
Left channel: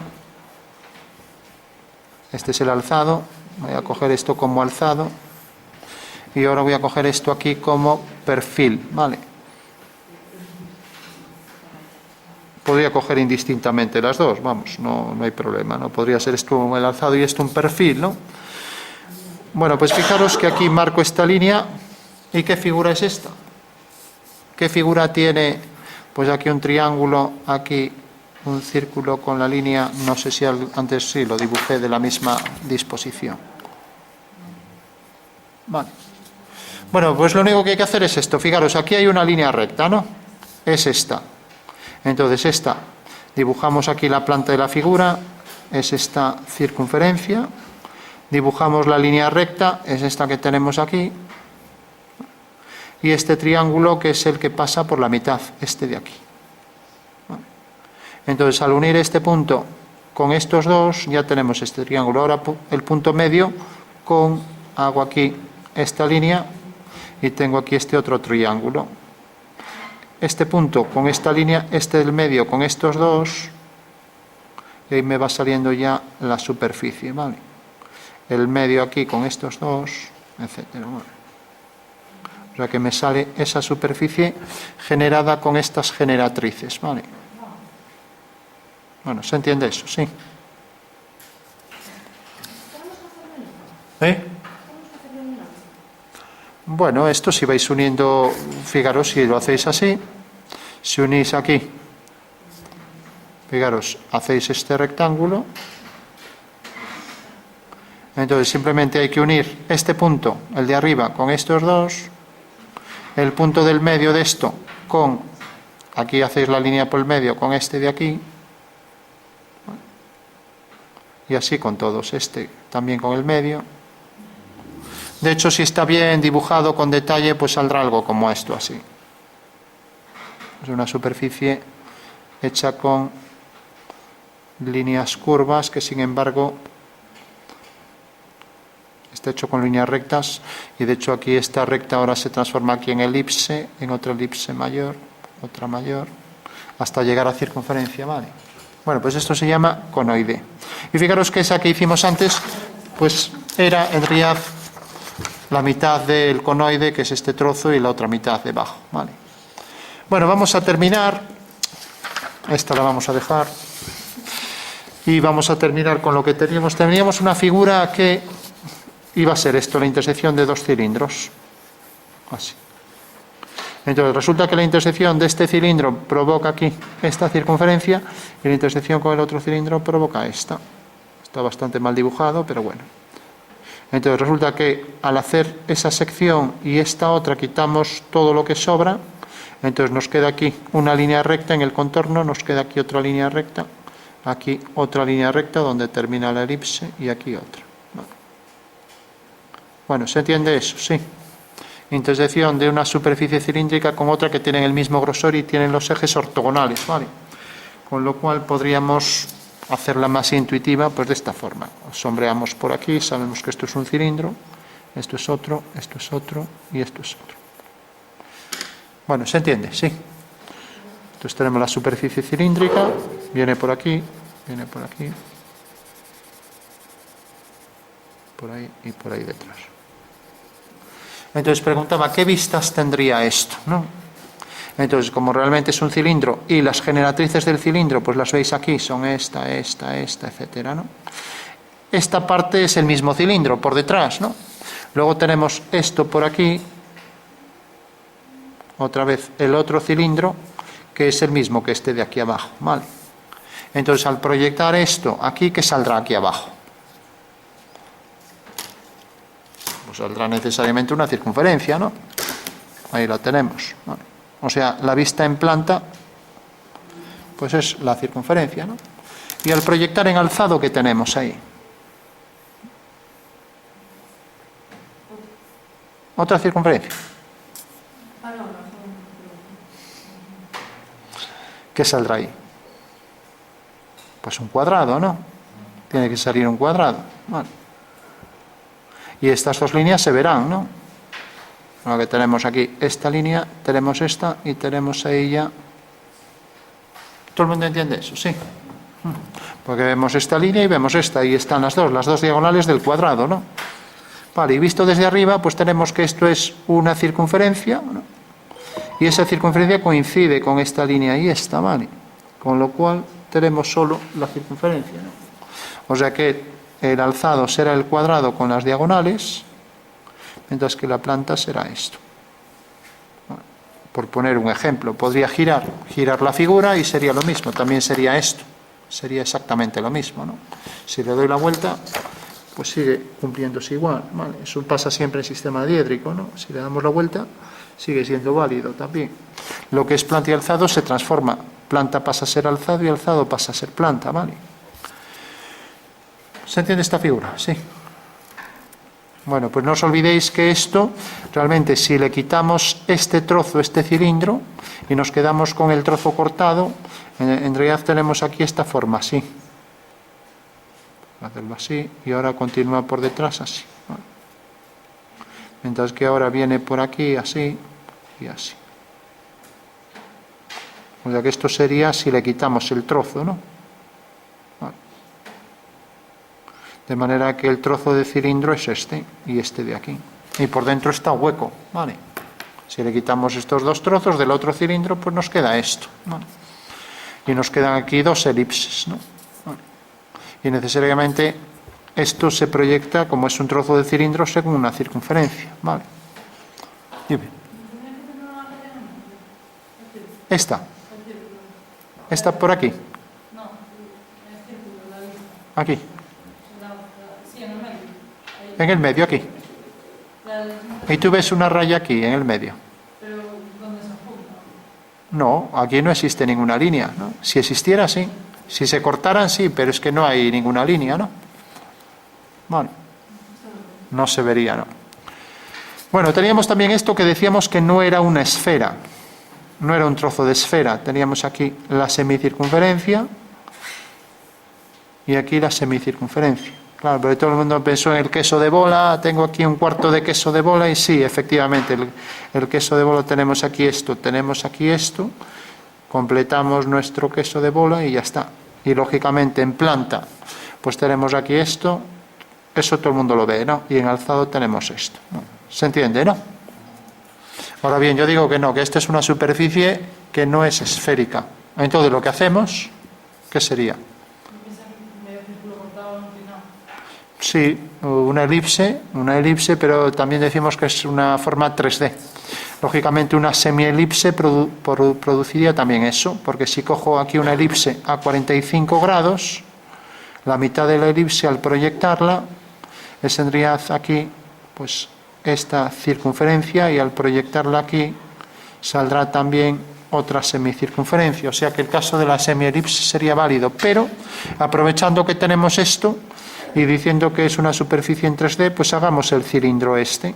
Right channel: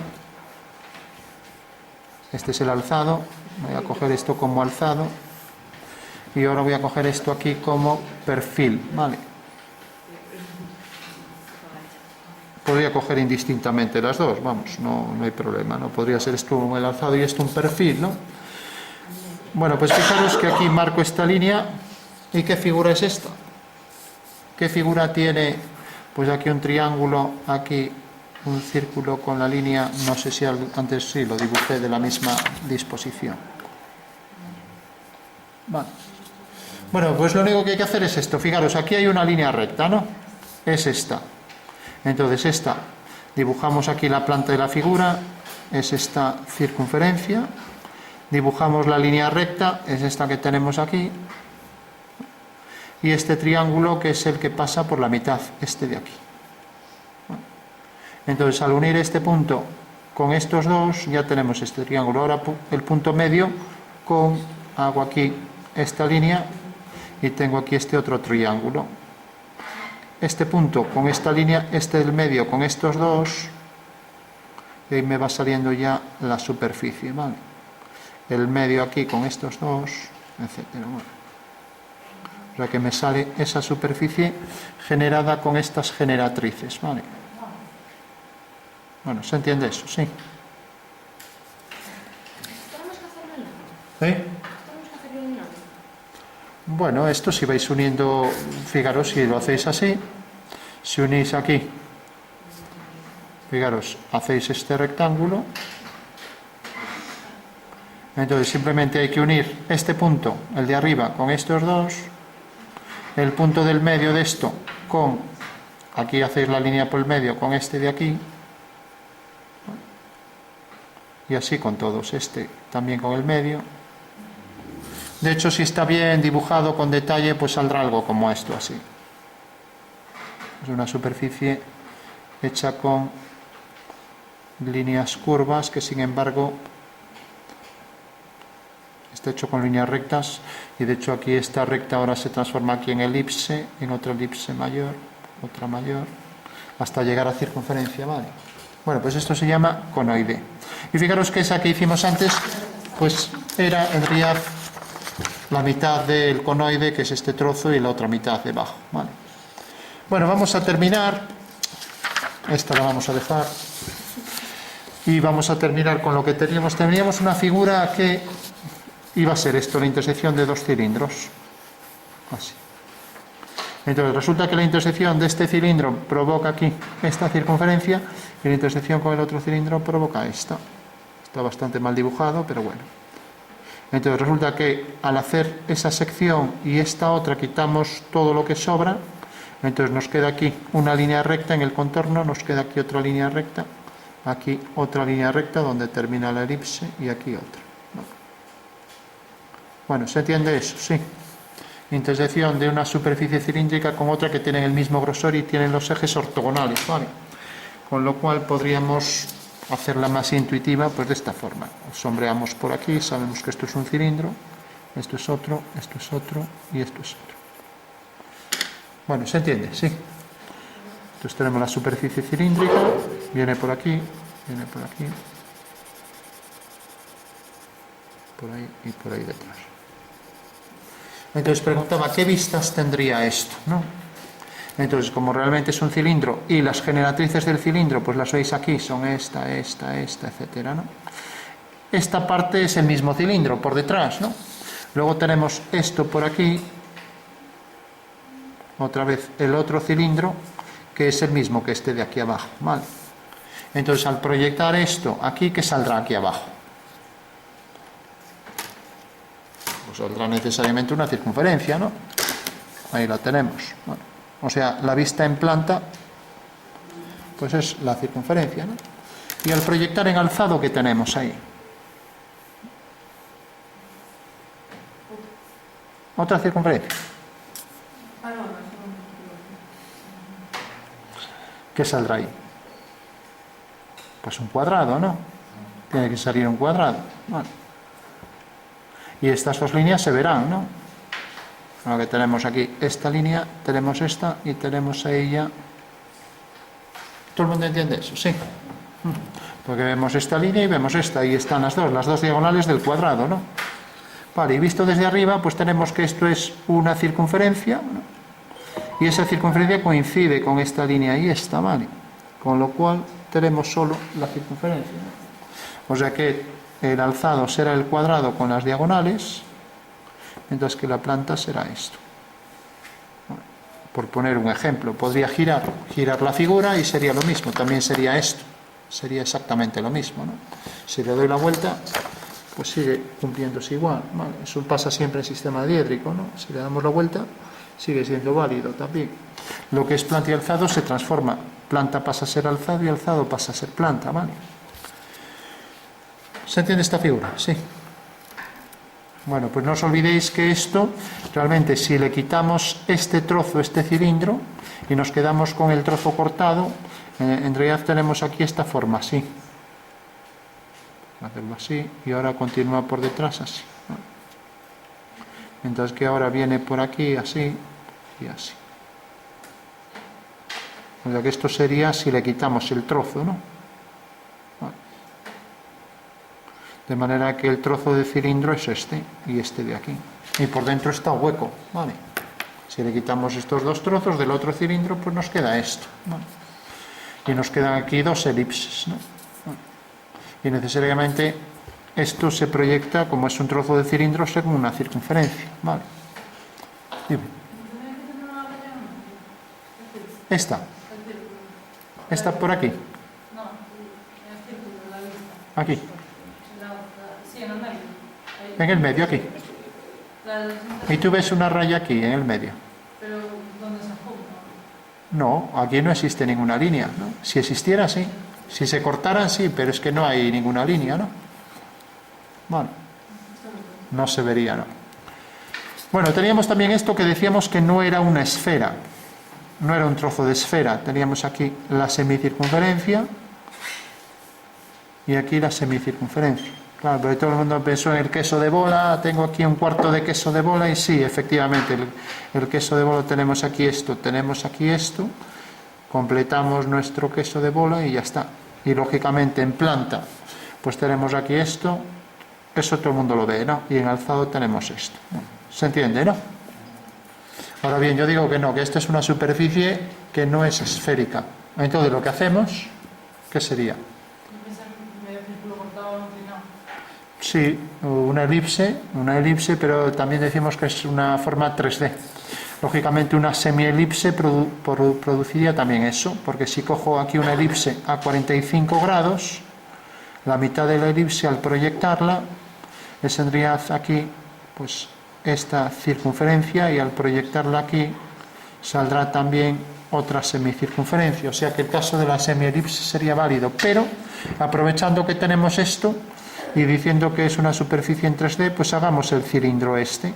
este es el alzado, voy a coger esto como alzado, y ahora voy a coger esto aquí como perfil, ¿vale? Podría coger indistintamente las dos, vamos, no hay problema, ¿no? Podría ser esto el alzado y esto un perfil, ¿no? Bueno, pues fijaros que aquí marco esta línea. ¿Y qué figura es esta? ¿Qué figura tiene? Pues aquí un triángulo, aquí un círculo con la línea, no sé si antes sí lo dibujé de la misma disposición. Vale. Bueno, pues lo único que hay que hacer es esto. Fijaros, aquí hay una línea recta, ¿no? Es esta. Entonces esta, dibujamos aquí la planta de la figura, es esta circunferencia, dibujamos la línea recta, es esta que tenemos aquí, y este triángulo que es el que pasa por la mitad, este de aquí. Entonces al unir este punto con estos dos ya tenemos este triángulo. Ahora el punto medio hago aquí esta línea y tengo aquí este otro triángulo. Este punto con esta línea, este del medio con estos dos, y ahí me va saliendo ya la superficie, ¿vale? El medio aquí con estos dos, etcétera. ¿Vale? O sea que me sale esa superficie generada con estas generatrices, ¿vale? Bueno, ¿se entiende eso? Sí. ¿Eh? Bueno, esto si vais uniendo, fijaros, si lo hacéis así, si unís aquí, fijaros, hacéis este rectángulo, entonces simplemente hay que unir este punto, el de arriba, con estos dos, el punto del medio de esto con, aquí hacéis la línea por el medio con este de aquí, y así con todos, este también con el medio. De hecho, si está bien dibujado con detalle, pues saldrá algo como esto, así. Es una superficie hecha con líneas curvas, que sin embargo está hecho con líneas rectas, y de hecho aquí esta recta ahora se transforma aquí en elipse, en otra elipse mayor, otra mayor, hasta llegar a circunferencia, ¿vale? Bueno, pues esto se llama conoide. Y fijaros que esa que hicimos antes, pues era en realidad la mitad del conoide, que es este trozo, y la otra mitad debajo, ¿vale? Bueno, vamos a terminar. Esta la vamos a dejar. Y vamos a terminar con lo que teníamos. Teníamos una figura que iba a ser esto, la intersección de dos cilindros. Así. Entonces resulta que la intersección de este cilindro provoca aquí esta circunferencia, y la intersección con el otro cilindro provoca esta. Está bastante mal dibujado, pero bueno. Entonces resulta que al hacer esa sección y esta otra quitamos todo lo que sobra, entonces nos queda aquí una línea recta en el contorno, nos queda aquí otra línea recta, aquí otra línea recta donde termina la elipse y aquí otra. Bueno, ¿se entiende eso? Sí. Intersección de una superficie cilíndrica con otra que tienen el mismo grosor y tienen los ejes ortogonales, ¿vale? Con lo cual podríamos hacerla más intuitiva pues de esta forma. Sombreamos por aquí, sabemos que esto es un cilindro, esto es otro y esto es otro. Bueno, ¿se entiende? Sí. Entonces tenemos la superficie cilíndrica, viene por aquí, por ahí y por ahí detrás. Entonces preguntaba, ¿qué vistas tendría esto? ¿No? Entonces, como realmente es un cilindro y las generatrices del cilindro, pues las veis aquí, son esta, etcétera, ¿no? Esta parte es el mismo cilindro por detrás, ¿no? Luego tenemos esto por aquí, otra vez el otro cilindro, que es el mismo que este de aquí abajo, ¿vale? Entonces, al proyectar esto aquí, ¿qué saldrá aquí abajo? Pues saldrá necesariamente una circunferencia, ¿no? Ahí la tenemos. Bueno, o sea, la vista en planta, pues es la circunferencia, ¿no? Y al proyectar en alzado, ¿qué tenemos ahí? Otra circunferencia. ¿Qué saldrá ahí? Pues un cuadrado, ¿no? Tiene que salir un cuadrado. Vale. Y estas dos líneas se verán, ¿no? Lo que tenemos aquí, esta línea, tenemos esta y tenemos ahí ya. ¿Todo el mundo entiende eso? Sí. Porque vemos esta línea y vemos esta, y están las dos diagonales del cuadrado, ¿no? Vale, y visto desde arriba, pues tenemos que esto es una circunferencia, ¿no? Y esa circunferencia coincide con esta línea y esta, ¿vale? Con lo cual tenemos solo la circunferencia, ¿no? O sea que el alzado será el cuadrado con las diagonales, mientras que la planta será esto. Bueno, por poner un ejemplo, podría girar la figura y sería lo mismo, también sería esto, sería exactamente lo mismo, ¿no? Si le doy la vuelta, pues sigue cumpliéndose igual, ¿vale? Eso pasa siempre en sistema diédrico, ¿no? Si le damos la vuelta, sigue siendo válido también. Lo que es planta y alzado se transforma, planta pasa a ser alzado y alzado pasa a ser planta, ¿vale? ¿Se entiende esta figura? Sí. Bueno, pues no os olvidéis que esto, realmente, si le quitamos este trozo, este cilindro, y nos quedamos con el trozo cortado, en realidad tenemos aquí esta forma, así. Hacerlo así, y ahora continúa por detrás así. ¿Vale? Mientras que ahora viene por aquí así y así. O sea que esto sería si le quitamos el trozo, ¿no? Vale. De manera que el trozo de cilindro es este y este de aquí. Y por dentro está hueco, ¿vale? Si le quitamos estos dos trozos del otro cilindro, pues nos queda esto, ¿vale? Y nos quedan aquí dos elipses, ¿no? Vale. Y necesariamente esto se proyecta, como es un trozo de cilindro, según una circunferencia, ¿vale? Dime. Esta por aquí. Aquí. En el medio, aquí. Y tú ves una raya aquí, en el medio. ¿Pero dónde se junta? No, aquí no existe ninguna línea, ¿no? Si existiera, sí. Si se cortaran, sí, pero es que no hay ninguna línea, ¿no? Bueno, no se vería, ¿no? Bueno, teníamos también esto que decíamos que no era una esfera, no era un trozo de esfera. Teníamos aquí la semicircunferencia y aquí la semicircunferencia. Claro, pero todo el mundo pensó en el queso de bola, tengo aquí un cuarto de queso de bola y sí, efectivamente, el queso de bola tenemos aquí esto, completamos nuestro queso de bola y ya está. Y lógicamente en planta, pues tenemos aquí esto, eso todo el mundo lo ve, ¿no? Y en alzado tenemos esto. ¿Se entiende, no? Ahora bien, yo digo que no, que esta es una superficie que no es esférica. Entonces lo que hacemos, ¿qué sería? Sí, una elipse, pero también decimos que es una forma 3D. Lógicamente una semielipse produciría también eso, porque si cojo aquí una elipse a 45 grados, la mitad de la elipse al proyectarla, le tendría aquí pues esta circunferencia y al proyectarla aquí saldrá también otra semicircunferencia, o sea que el caso de la semielipse sería válido, pero aprovechando que tenemos esto y diciendo que es una superficie en 3D, pues hagamos el cilindro este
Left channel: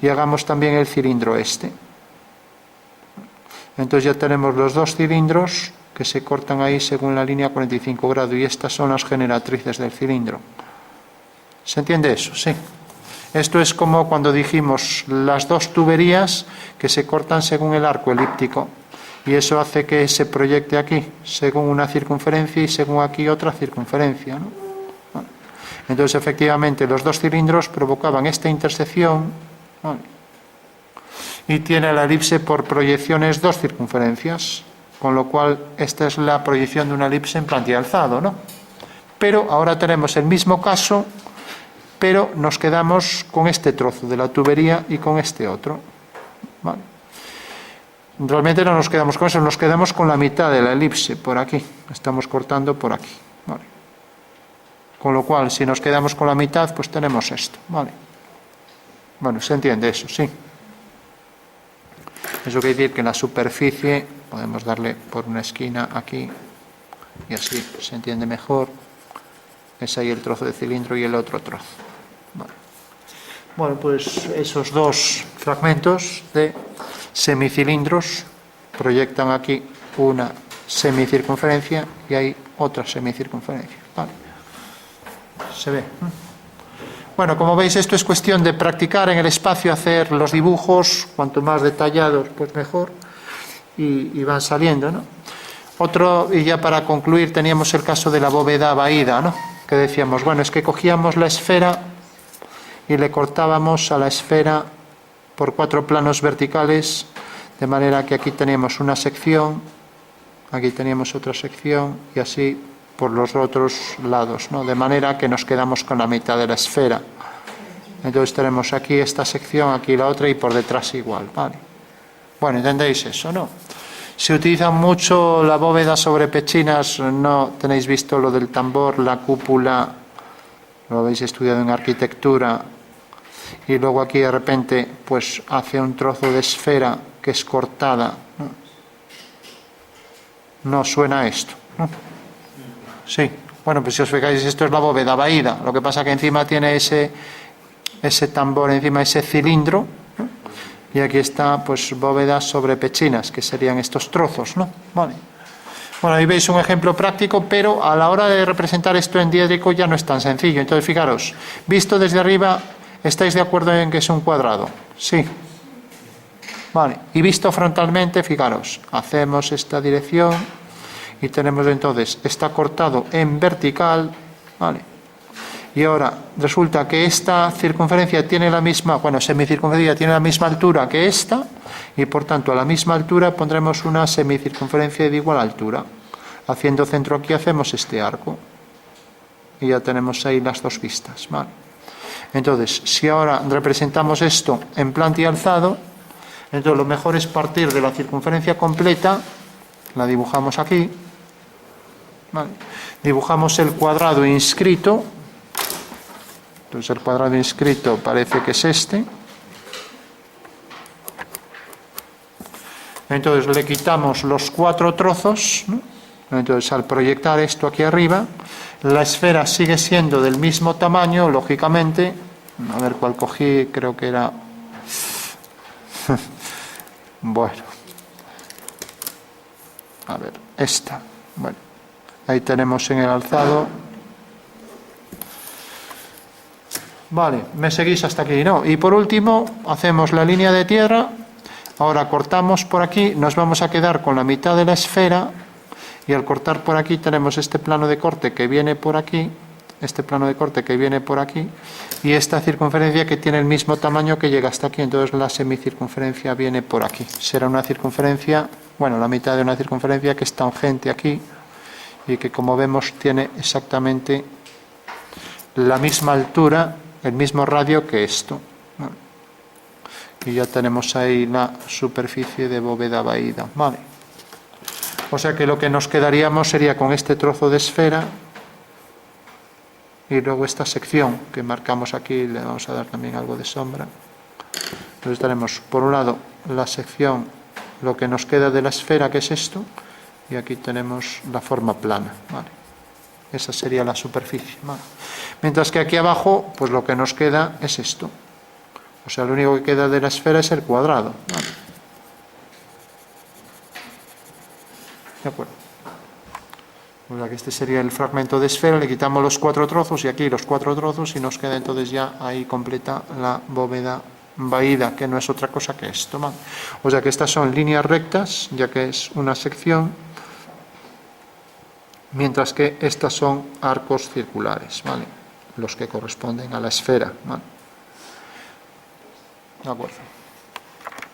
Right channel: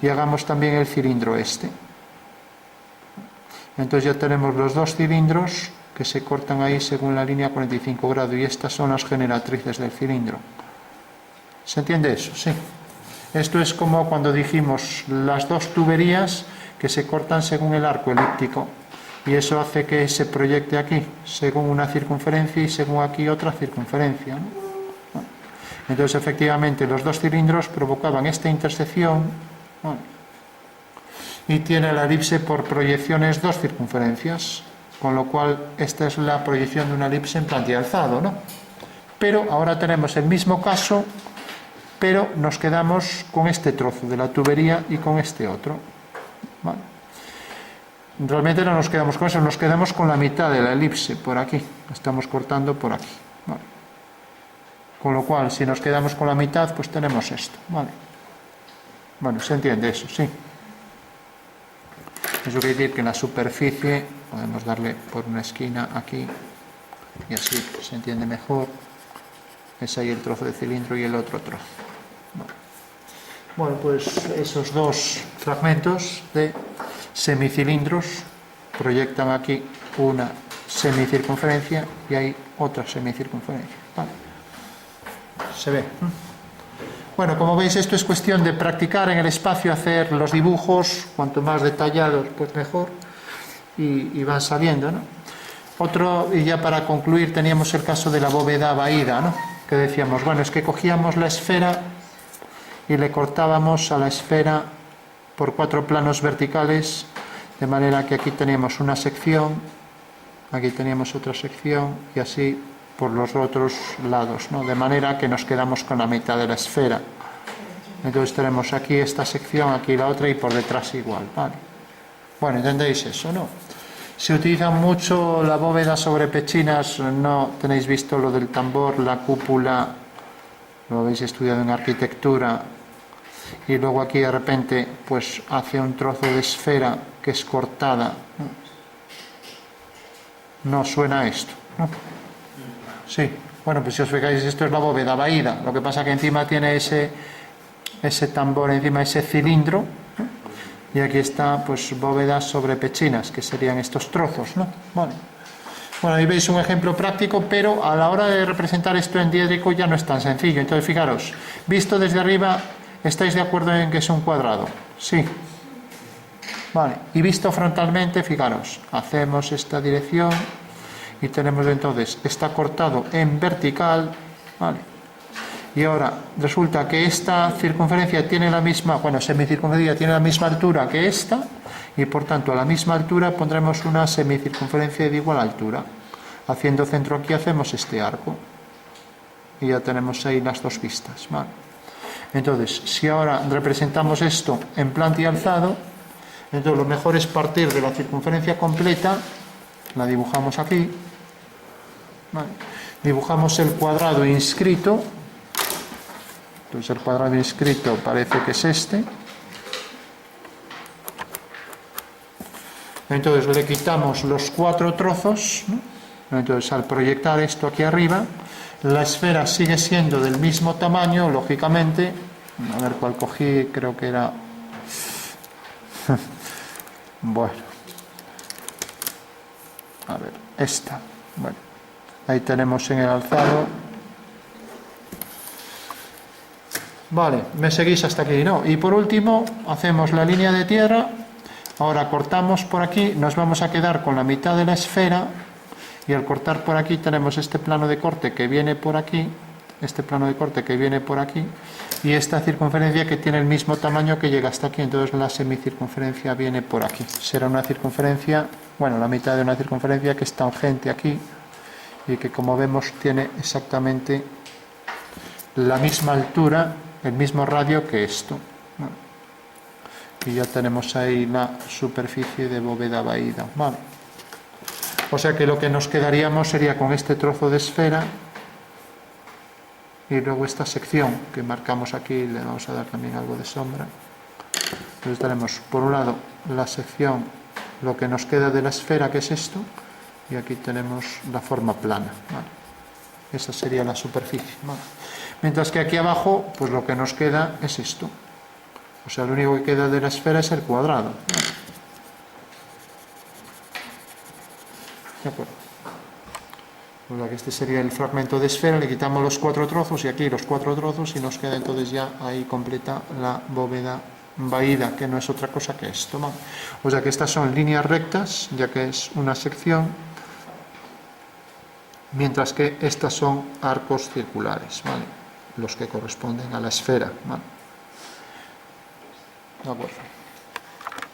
y hagamos también el cilindro este. Entonces ya tenemos los dos cilindros que se cortan ahí según la línea 45 grados y estas son las generatrices del cilindro. ¿Se entiende eso? Sí. Esto es como cuando dijimos las dos tuberías que se cortan según el arco elíptico y eso hace que se proyecte aquí según una circunferencia y según aquí otra circunferencia, ¿no? Bueno, entonces efectivamente los dos cilindros provocaban esta intersección, bueno, y tiene la elipse por proyecciones dos circunferencias, con lo cual esta es la proyección de una elipse en plantilla alzado, ¿no? Pero ahora tenemos el mismo caso, pero nos quedamos con este trozo de la tubería y con este otro. Vale. Realmente no nos quedamos con eso, nos quedamos con la mitad de la elipse, por aquí. Estamos cortando por aquí. Vale. Con lo cual, si nos quedamos con la mitad, pues tenemos esto. Vale. Bueno, ¿se entiende eso? Sí. Eso quiere decir que en la superficie podemos darle por una esquina aquí y así se entiende mejor. Es ahí el trozo de cilindro y el otro trozo. Vale. Bueno, pues esos dos fragmentos de semicilindros proyectan aquí una semicircunferencia y hay otra semicircunferencia. Vale. ¿Se ve? Bueno, como veis, esto es cuestión de practicar en el espacio, hacer los dibujos, cuanto más detallados, pues mejor, y van saliendo, ¿no? Otro, y ya para concluir, teníamos el caso de la bóveda vaída, ¿no? Que decíamos, bueno, es que cogíamos la esfera y le cortábamos a la esfera por 4 planos verticales, de manera que aquí teníamos una sección, aquí teníamos otra sección, y así por los otros lados, ¿no? De manera que nos quedamos con la mitad de la esfera. Entonces tenemos aquí esta sección, aquí la otra y por detrás igual, ¿vale? Bueno, ¿entendéis eso, no? Se utiliza mucho la bóveda sobre pechinas, no tenéis visto lo del tambor, la cúpula, lo habéis estudiado en arquitectura, y luego aquí de repente pues hace un trozo de esfera que es cortada, ¿no? No suena esto, ¿no? Sí, bueno, pues si os fijáis, esto es la bóveda vaída, lo que pasa que encima tiene ese tambor, encima ese cilindro, ¿no? Y aquí está, pues, bóvedas sobre pechinas, que serían estos trozos, ¿no? Vale. Bueno, ahí veis un ejemplo práctico, pero a la hora de representar esto en diédrico ya no es tan sencillo. Entonces, fijaros, visto desde arriba, ¿estáis de acuerdo en que es un cuadrado? Sí. Vale. Y visto frontalmente, fijaros, hacemos esta dirección y tenemos entonces, está cortado en vertical, ¿vale? Y ahora resulta que esta circunferencia tiene la misma, bueno, semicircunferencia tiene la misma altura que esta, y por tanto a la misma altura pondremos una semicircunferencia de igual altura. Haciendo centro aquí hacemos este arco. Y ya tenemos ahí las dos vistas, ¿vale? Entonces, si ahora representamos esto en planta alzado, entonces lo mejor es partir de la circunferencia completa, la dibujamos aquí, ¿vale? Dibujamos el cuadrado inscrito. Entonces el cuadrado inscrito parece que es este. Entonces le quitamos los 4 trozos, ¿no? Entonces al proyectar esto aquí arriba, la esfera sigue siendo del mismo tamaño, lógicamente. A ver cuál cogí, creo que era... Bueno. A ver, esta. Bueno, ahí tenemos en el alzado. Vale, me seguís hasta aquí, ¿no? Y por último, hacemos la línea de tierra. Ahora cortamos por aquí, nos vamos a quedar con la mitad de la esfera. Y al cortar por aquí tenemos este plano de corte que viene por aquí, este plano de corte que viene por aquí, y esta circunferencia que tiene el mismo tamaño que llega hasta aquí. Entonces la semicircunferencia viene por aquí. Será una circunferencia, bueno, la mitad de una circunferencia que es tangente aquí, y que como vemos tiene exactamente la misma altura, el mismo radio que esto. Y ya tenemos ahí la superficie de bóveda vaída. Vale. O sea que lo que nos quedaríamos sería con este trozo de esfera y luego esta sección que marcamos aquí, le vamos a dar también algo de sombra. Entonces tenemos por un lado la sección lo que nos queda de la esfera, que es esto, y aquí tenemos la forma plana, ¿vale? Esa sería la superficie, ¿vale? Mientras que aquí abajo, pues lo que nos queda es esto. O sea, lo único que queda de la esfera es el cuadrado, ¿vale? De acuerdo. O sea que este sería el fragmento de esfera, le quitamos los 4 trozos y aquí los 4 trozos y nos queda entonces ya ahí completa la bóveda vaída, que no es otra cosa que esto, ¿vale? O sea que estas son líneas rectas, ya que es una sección, mientras que estas son arcos circulares, ¿vale? Los que corresponden a la esfera, ¿vale? De acuerdo.